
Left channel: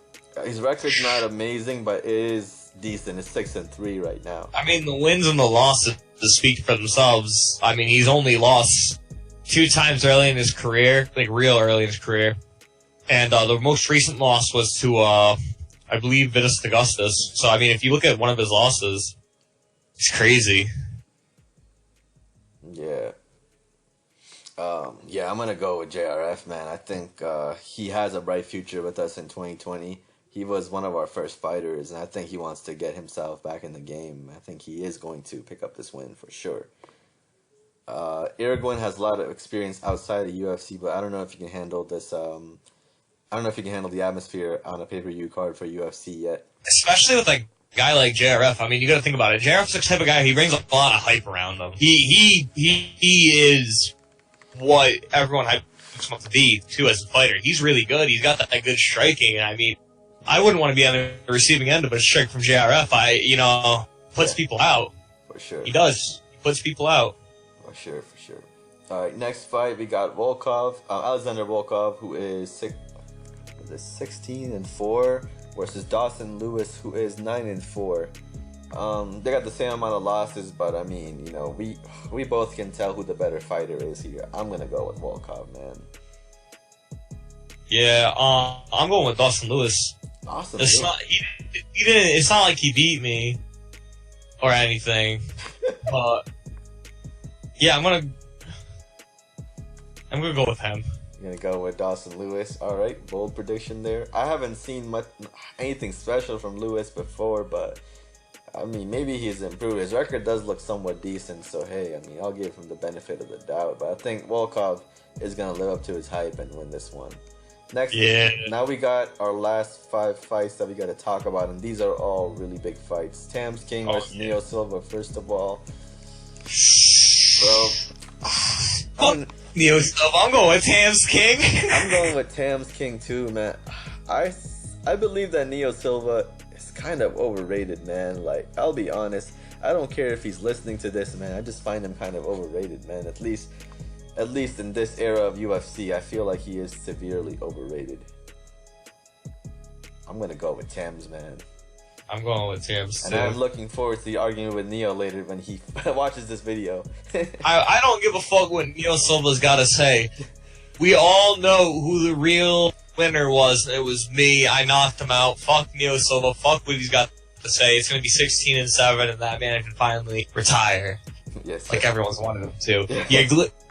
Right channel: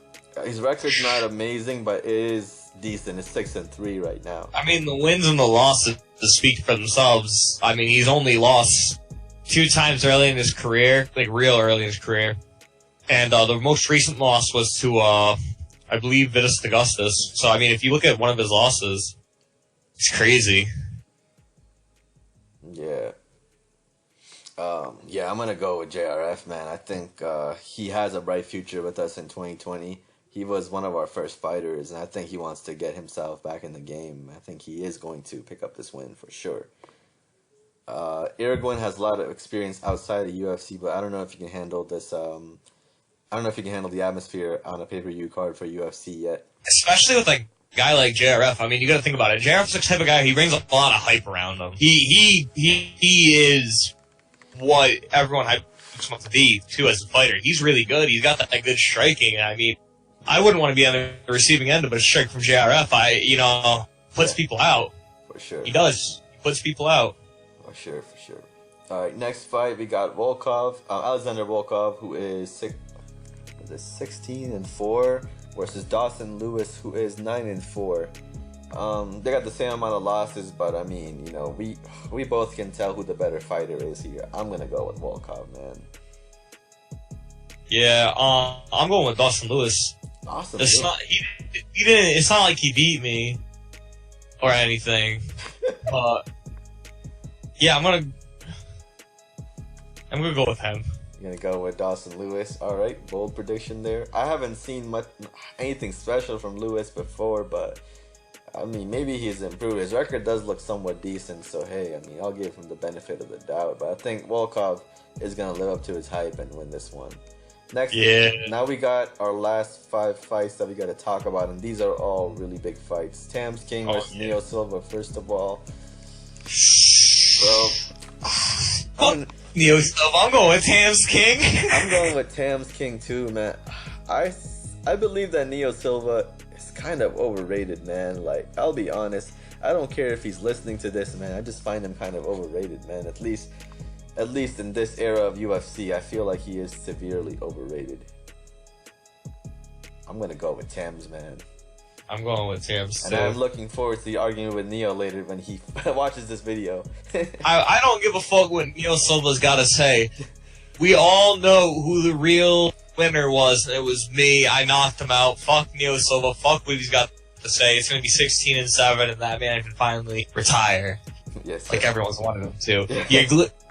his record's not amazing, but it is decent. It's 6-3 right now. I mean, the wins and the losses speak for themselves. I mean, he's only lost 2 times early in his career, like real early in his career. And the most recent loss was to, I believe, Vitas Augustus. So, I mean, if you look at one of his losses, it's crazy. Yeah. Yeah, I'm going to go with JRF, man. I think he has a bright future with us in 2020. He was one of our first fighters, and I think he wants to get himself back in the game. I think he is going to pick up this win for sure. Irwin has a lot of experience outside of UFC, but I don't know if you can handle this. I don't know if you can handle the atmosphere on a pay-per-view card for UFC yet. Especially with a guy like JRF. I mean, you got to think about it. JRF's the type of guy, he brings a lot of hype around him. He is what everyone hypes him up to be too as a fighter. He's really good. He's got that good striking. I mean, I wouldn't want to be on the receiving end of a strike from JRF. Puts people out. For sure. He does. He puts people out. For sure. All right, next fight we got Volkov, Alexander Volkov, who is 16-4, versus Dawson Lewis, who is 9-4. They got the same amount of losses, but I mean, we both can tell who the better fighter is here. I'm gonna go with Volkov, man. Yeah, I'm going with Dawson Lewis. Awesome. It's not it's not like he beat me or anything. But yeah, I'm gonna I'm gonna go with him. You're gonna go with Dawson Lewis. All right, bold prediction there. I haven't seen anything special from Lewis before, but I mean, maybe he's improved. His record does look somewhat decent, so hey, I mean, I'll give him the benefit of the doubt. But I think Volkov is gonna live up to his hype and win this one. Next, now we got our last 5 fights that we got to talk about, and these are all really big fights. Tams King versus Neo Silva, first of all. Bro, Neo Silva. I'm going with Tams King. I'm going with Tams King too, man. I believe that Neo Silva is kind of overrated, man. Like, I'll be honest. I don't care if he's listening to this, man. I just find him kind of overrated, man. At least in this era of UFC, I feel like he is severely overrated. I'm gonna go with Tams, man. I'm going with Tams, and I'm looking forward to the argument with Neo later when he watches this video. I don't give a fuck what Neo Silva's got to say. We all know who the real winner was. It was me. I knocked him out. Fuck Neo Silva. Fuck what he's got to say. It's gonna be 16-7, and that man can finally retire. Yes, like everyone's wanted him to.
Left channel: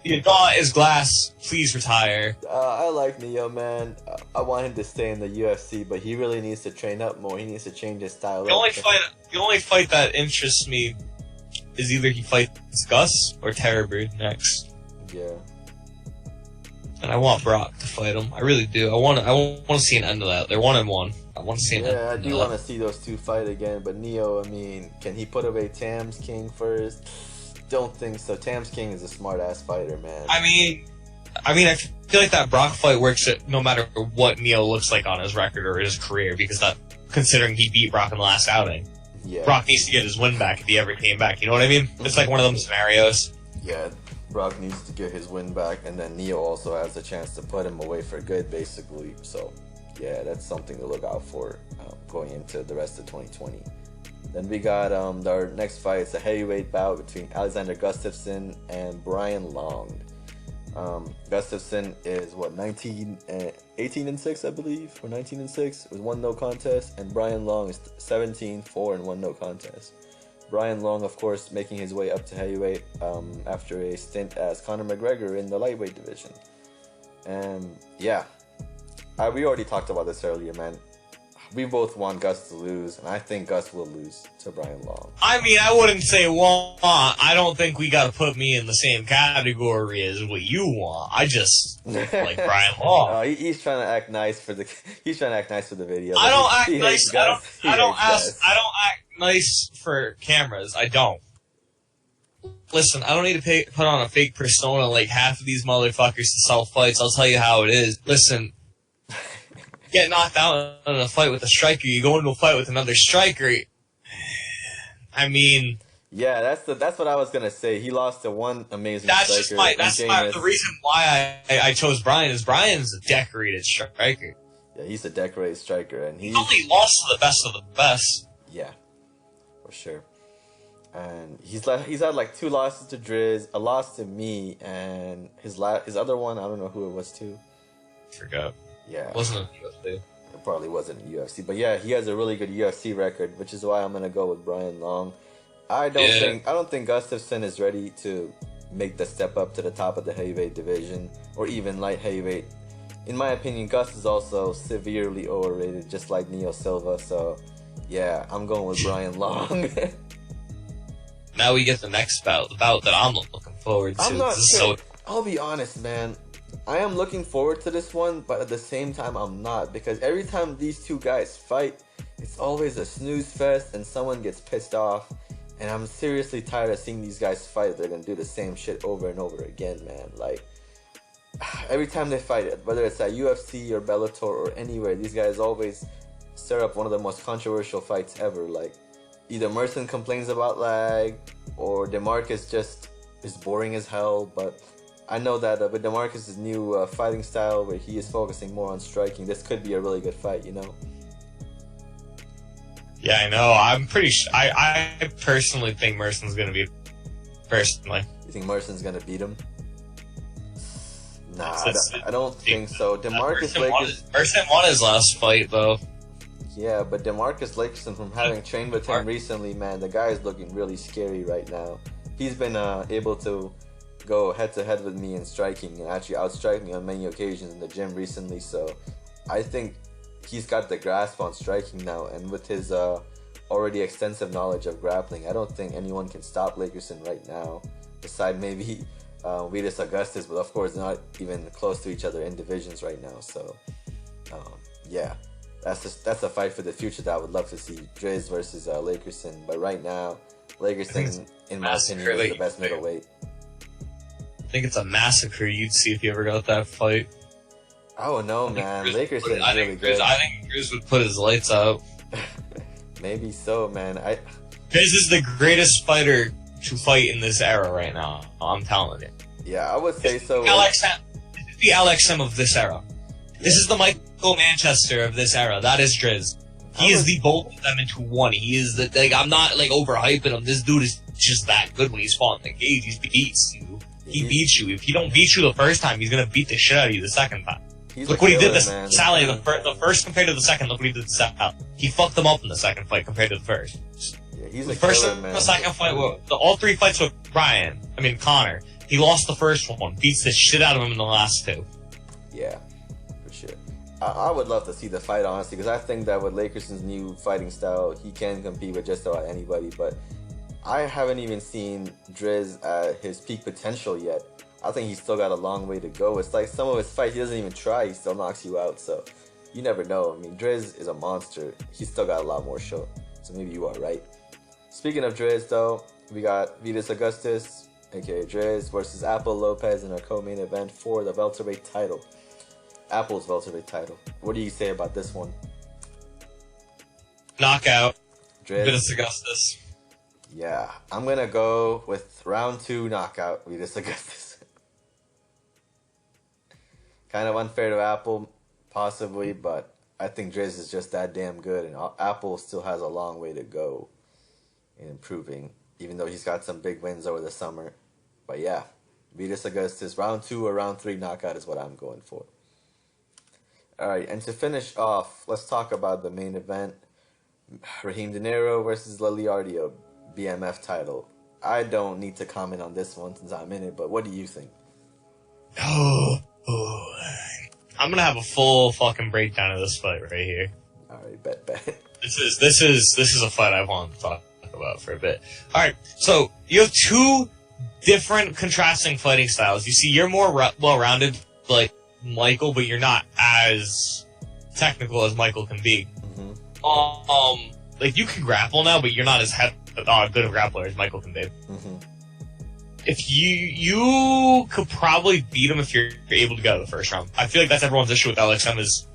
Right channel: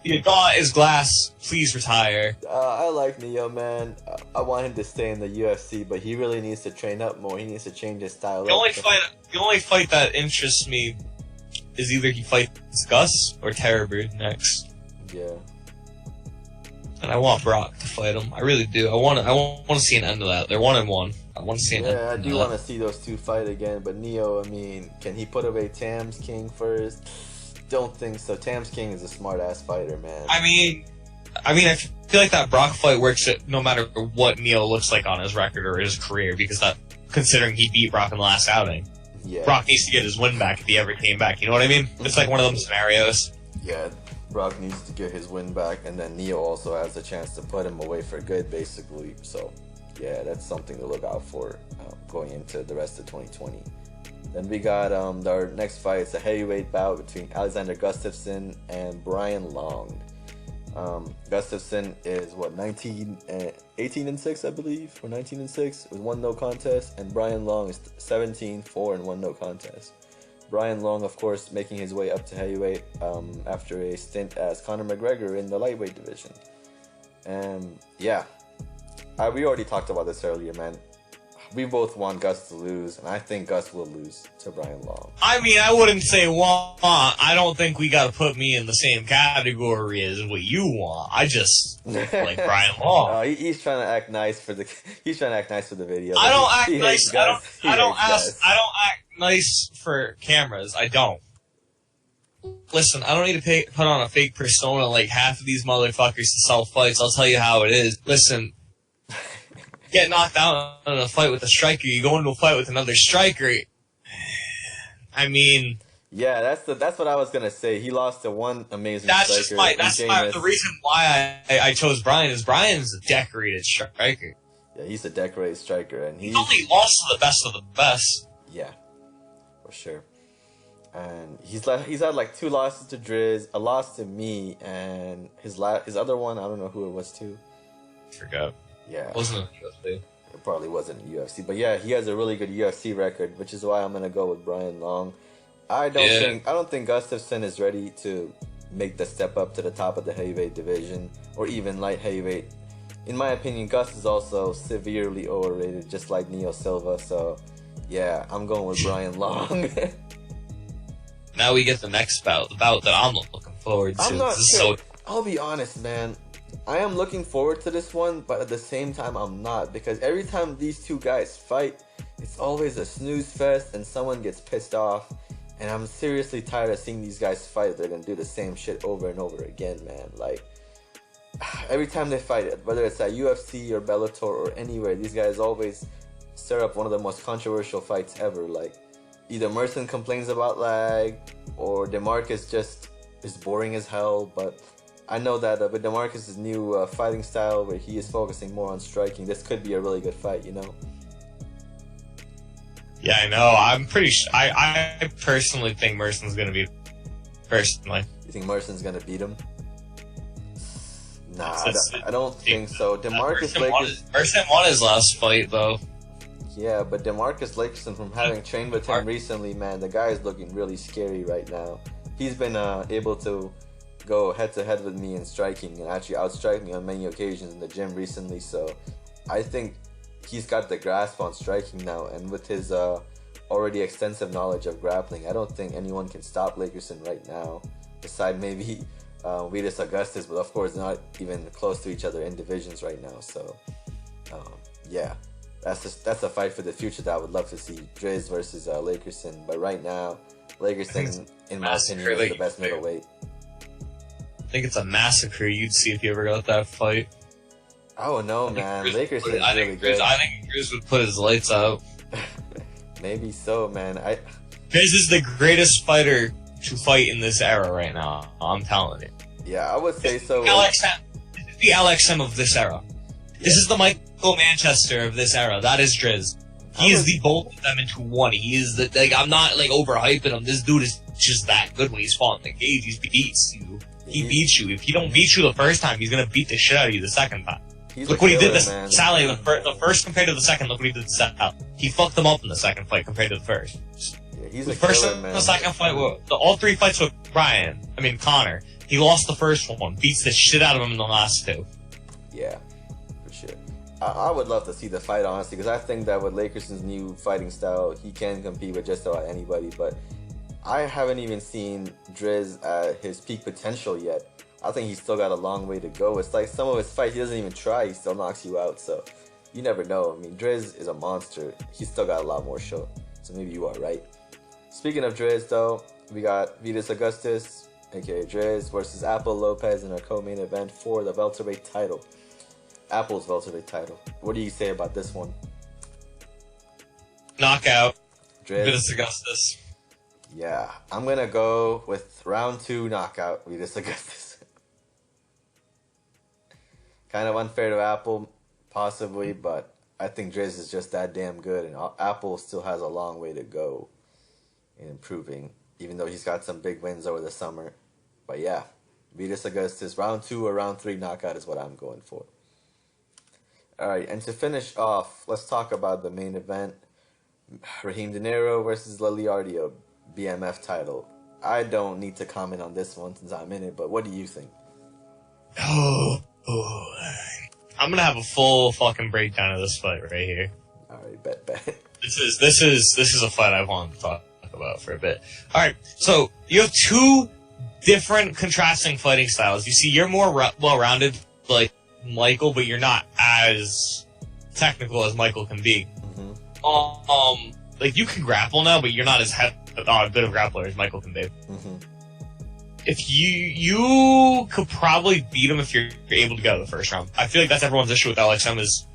Your jaw is glass. Please retire. I like Neo, man. I want him to stay in the UFC, but he really needs to train up more. He needs to change his style. The only fight that interests me is either he fights Gus or Terrorbird next. Yeah. And I want Brock to fight him. I really do. I want to see an end of that. They're 1-1. I want to see an end. Yeah, I do want to see those two fight again. But Neo, I mean, can he put away Tams King first? Don't think so. Tams King is a smart ass fighter, man. I mean, I feel like that Brock fight works no matter what Neo looks like on his record or his career, because that, considering he beat Brock in the last outing, Brock needs to get his win back if he ever came back. You know what I mean? It's like one of them scenarios. Yeah, Brock needs to get his win back, and then Neo also has a chance to put him away for good, basically. So, yeah, that's something to look out for going into the rest of 2020. Then we got our next fight. It's a heavyweight bout between Alexander Gustafsson and Brian Long. Gustafsson is 18-6, I believe, or 19-6 with 1 no contest, and Brian Long is 17-4 and 1 no contest. Brian Long, of course, making his way up to heavyweight after a stint as Conor McGregor in the lightweight division. And yeah, we already talked about this earlier, man. We both want Gus to lose, and I think Gus will lose to Brian Long. I mean, I wouldn't say want. I don't think we got to put me in the same category as what you want. I just like Brian Long. He's trying to act nice for the. He's trying to act nice for the video. I don't act nice. I don't act nice for cameras. I don't. Listen, I don't need to put on a fake persona like half of these motherfuckers to sell fights. I'll tell you how it is. Listen. Get knocked out in a fight with a striker, you go into a fight with another striker. I mean, yeah, that's what I was gonna say. He lost to one amazing striker. That's the reason why I chose Brian. Is Brian's a decorated striker. Yeah, he's a decorated striker, and he only lost to the best of the best. Yeah, for sure. And he's had like 2 losses to Driz, a loss to me, and his other one, I don't know who it was to. Forgot. Yeah. Wasn't UFC. It probably wasn't UFC. But yeah, he has a really good UFC record, which is why I'm gonna go with Brian Long. I don't think Gustafsson is ready to make the step up to the top of the heavyweight division or even light heavyweight. In my opinion, Gus is also severely overrated, just like Neo Silva. So yeah, I'm going with Brian Long. Now we get the next bout, the bout that I'm looking forward to. I'm not sure. I'll be honest, man. I am looking forward to this one, but at the same time, I'm not. Because every time these two guys fight, it's always a snooze fest and someone gets pissed off. And I'm seriously tired of seeing these guys fight. They're going to do the same shit over and over again, man. Like, every time they fight it, whether it's at UFC or Bellator or anywhere, these guys always stir up one of the most controversial fights ever. Like, either Merson complains about lag, or DeMarcus just is boring as hell, but I know that with DeMarcus' new fighting style, where he is focusing more on striking, this could be a really good fight, you know? Yeah, I know. I'm pretty sure. I personally think Merson's going to beat him. Personally. You think Merson's going to beat him? Nah, I don't think so. DeMarcus Lakers... Merson won his last fight, though. Yeah, but DeMarcus Lakerson, from having trained with him recently, man, the guy is looking really scary right now. He's been able to go head to head with me in striking and actually outstrike me on many occasions in the gym recently. So I think he's got the grasp on striking now, and with his already extensive knowledge of grappling, I don't think anyone can stop Lakerson right now, beside maybe Vitas Augustus, but of course not even close to each other in divisions right now. So yeah, that's a fight for the future that I would love to see, Driz versus Lakerson. But right now, Lakerson, in my opinion, is the best middleweight. I think it's a massacre you'd see if you ever got that fight. Oh no, man, Lakerson's really good. I think Driz would put his lights out. Maybe so, man. Driz is the greatest fighter to fight in this era right now. I'm telling you. Yeah, I would say so. The LXM of this era. Yeah. This is the Michael Manchester of this era. That is Driz. He is the both of them into one. He is the, like, I'm not like overhyping him. This dude is just that good when he's fought in the cage. He beats you. He beats you. If he don't beat you the first time, he's gonna beat the shit out of you the second time. Look what he did to Sally the first compared to the second. Look what he did to Sally. He fucked him up in the second fight compared to the first. Yeah, he's a first killer, man. The second fight, all three fights with Connor. He lost the first one. Beats the shit out of him in the last two. Yeah, for sure. I would love to see the fight, honestly, because I think that with Lakerson's new fighting style, he can compete with just about anybody. But I haven't even seen Driz at his peak potential yet. I think he's still got a long way to go. It's like some of his fights, he doesn't even try, he still knocks you out. So you never know. I mean, Driz is a monster. He's still got a lot more show. So maybe you are right. Speaking of Driz, though, we got Vitas Augustus, aka Driz, versus Apple Lopez in our co-main event for the welterweight title. Apple's welterweight title. What do you say about this one? Knockout. Driz. Vitas Augustus. Yeah, I'm gonna go with round 2 knockout, Vitas Augustus. Kind of unfair to Apple, possibly, but I think Driz is just that damn good, and Apple still has a long way to go in improving, even though he's got some big wins over the summer. But yeah, Vitas Augustus, round 2 or round 3 knockout is what I'm going for. Alright, and to finish off, let's talk about the main event. Raheem De Niro versus Liliardio, BMF title. I don't need to comment on this one since I'm in it, but what do you think? I'm gonna have a full fucking breakdown of this fight right here. Alright, bet. This is a fight I want to talk about for a bit. Alright, so you have two different contrasting fighting styles. You see, you're more well-rounded, like Michael, but you're not as technical as Michael can be. Mm-hmm. Like, you can grapple now, but you're not as good a grappler as Michael can be. Mm-hmm. If you could probably beat him if you're able to go to the first round. I feel like that's everyone's issue with LXM is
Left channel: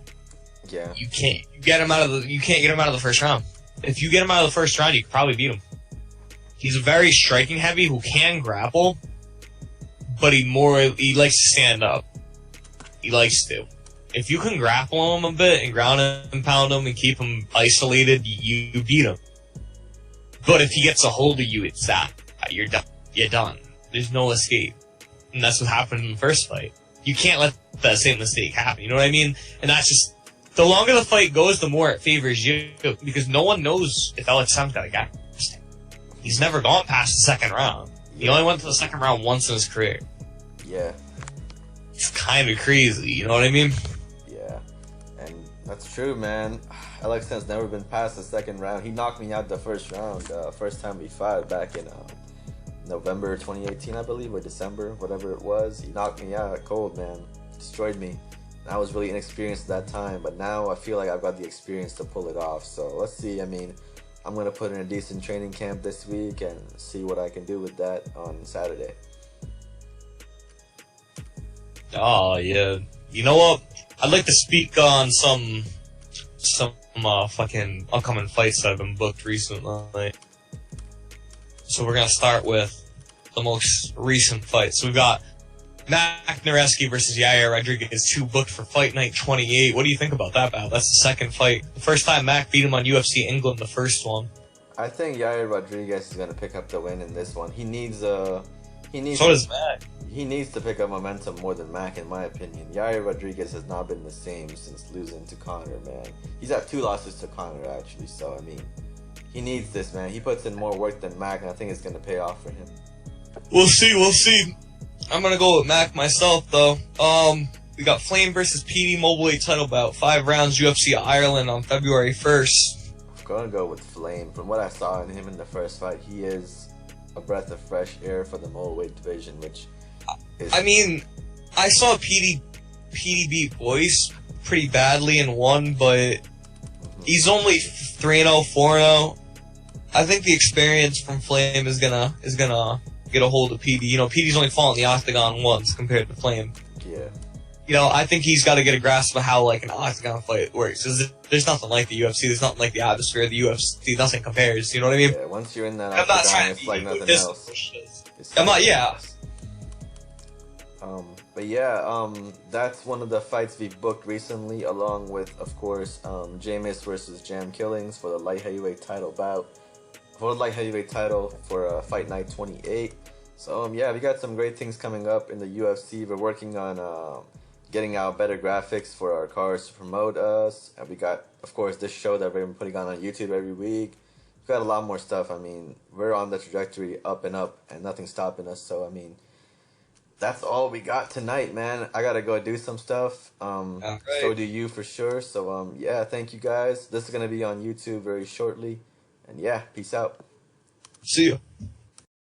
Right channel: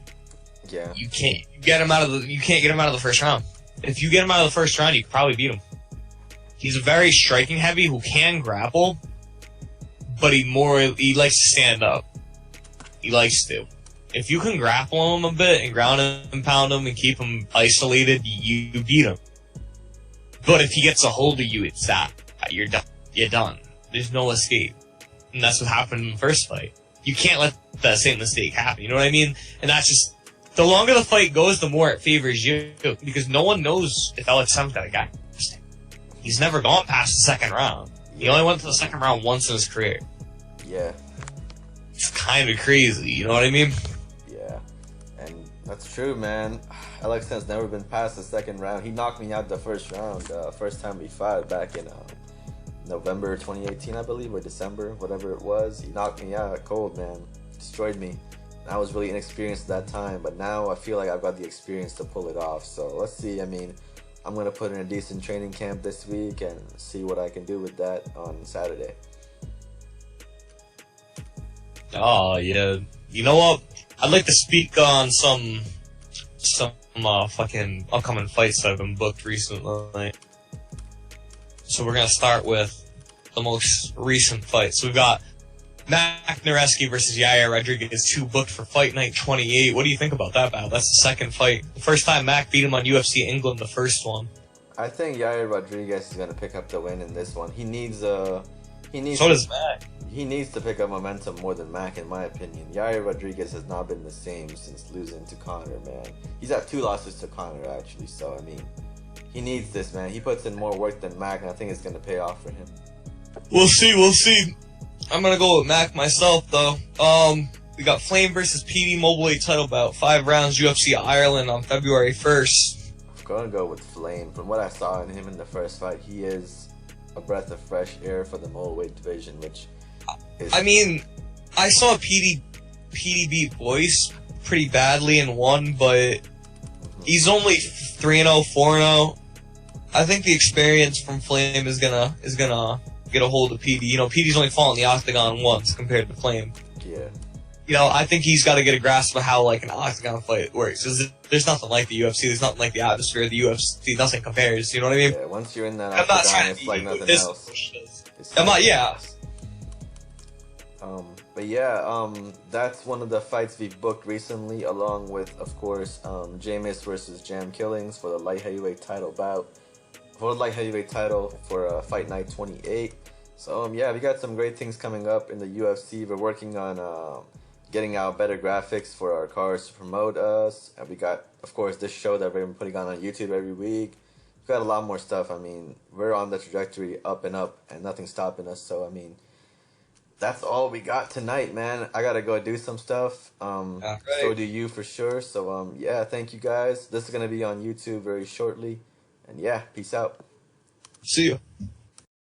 you can't get him out of the first round. If you get him out of the first round, you could probably beat him. He's a very striking heavy who can grapple, but he likes to stand up. He likes to. If you can grapple him a bit and ground and pound him and keep him isolated, you beat him. But if he gets a hold of you, it's that. You're done. You're done. There's no escape. And that's what happened in the first fight. You can't let that same mistake happen, you know what I mean? And that's just, the longer the fight goes, the more it favors you. Because no one knows if LXM's got a guy. He's never gone past the second round. He only went to the second round once in his career. Yeah. It's kind of crazy, you know what I mean? Yeah. And that's true, man. LXM's never been past the second round. He knocked me out the first round, first time we fought back in November 2018, I believe, or December, whatever it was. He knocked me out cold, man. Destroyed me. I was really inexperienced at that time, but now I feel like I've got the experience to pull it off. So let's see. I mean, I'm going to put in a decent training camp this week and see what I can do with that on Saturday. Oh, yeah. You know what? I'd like to speak on some fucking upcoming fights that have been booked recently. So we're going to start with the most recent fight. So we've got Mac Nareski versus Yair Rodriguez, 2 booked for Fight Night 28. What do you think about that battle? That's the second fight. The first time Mac beat him on UFC England, the first one. I think Yair Rodriguez is going to pick up the win in this one. He needs So does Mac. He needs to pick up momentum more than Mac, in my opinion. Yair Rodriguez has not been the same since losing to Conor, man. He's had 2 losses to Conor, actually, so, I mean, he needs this, man. He puts in more work than Mac, and I think it's going to pay off for him. We'll see. I'm gonna go with Mac myself, though. We got Flame versus PD Mobile title bout, 5 rounds, UFC Ireland on February 1st. I'm gonna go with Flame. From what I saw in him in the first fight, he is a breath of fresh air for the middleweight division, which is... I mean, I saw PD beat Boyce pretty badly and won, but he's only 3-0, 4-0. I think the experience from Flame is gonna get a hold of PD. You know, PD's only fought in the octagon once compared to Flame. Yeah. You know, I think he's got to get a grasp of how, like, an octagon fight works. There's nothing like the UFC. There's nothing like the atmosphere of the UFC. Nothing compares. You know what I mean? Yeah, once you're in that octagon, it's like nothing else. I'm not, yeah. But yeah, that's one of the fights we've booked recently, along with, of course, Jameis versus Jam Killings for the light heavyweight title bout. For the light heavyweight title for Fight Night 28. So, yeah, we got some great things coming up in the UFC. We're working on getting out better graphics for our cars to promote us. And we got, of course, this show that we've been putting on YouTube every week. We've got a lot more stuff. I mean, we're on the trajectory up, and nothing's stopping us. So, I mean, that's all we got tonight, man. I gotta go do some stuff. Right. So do you for sure. So, yeah, thank you guys. This is gonna be on YouTube very shortly. And yeah, peace out. See you.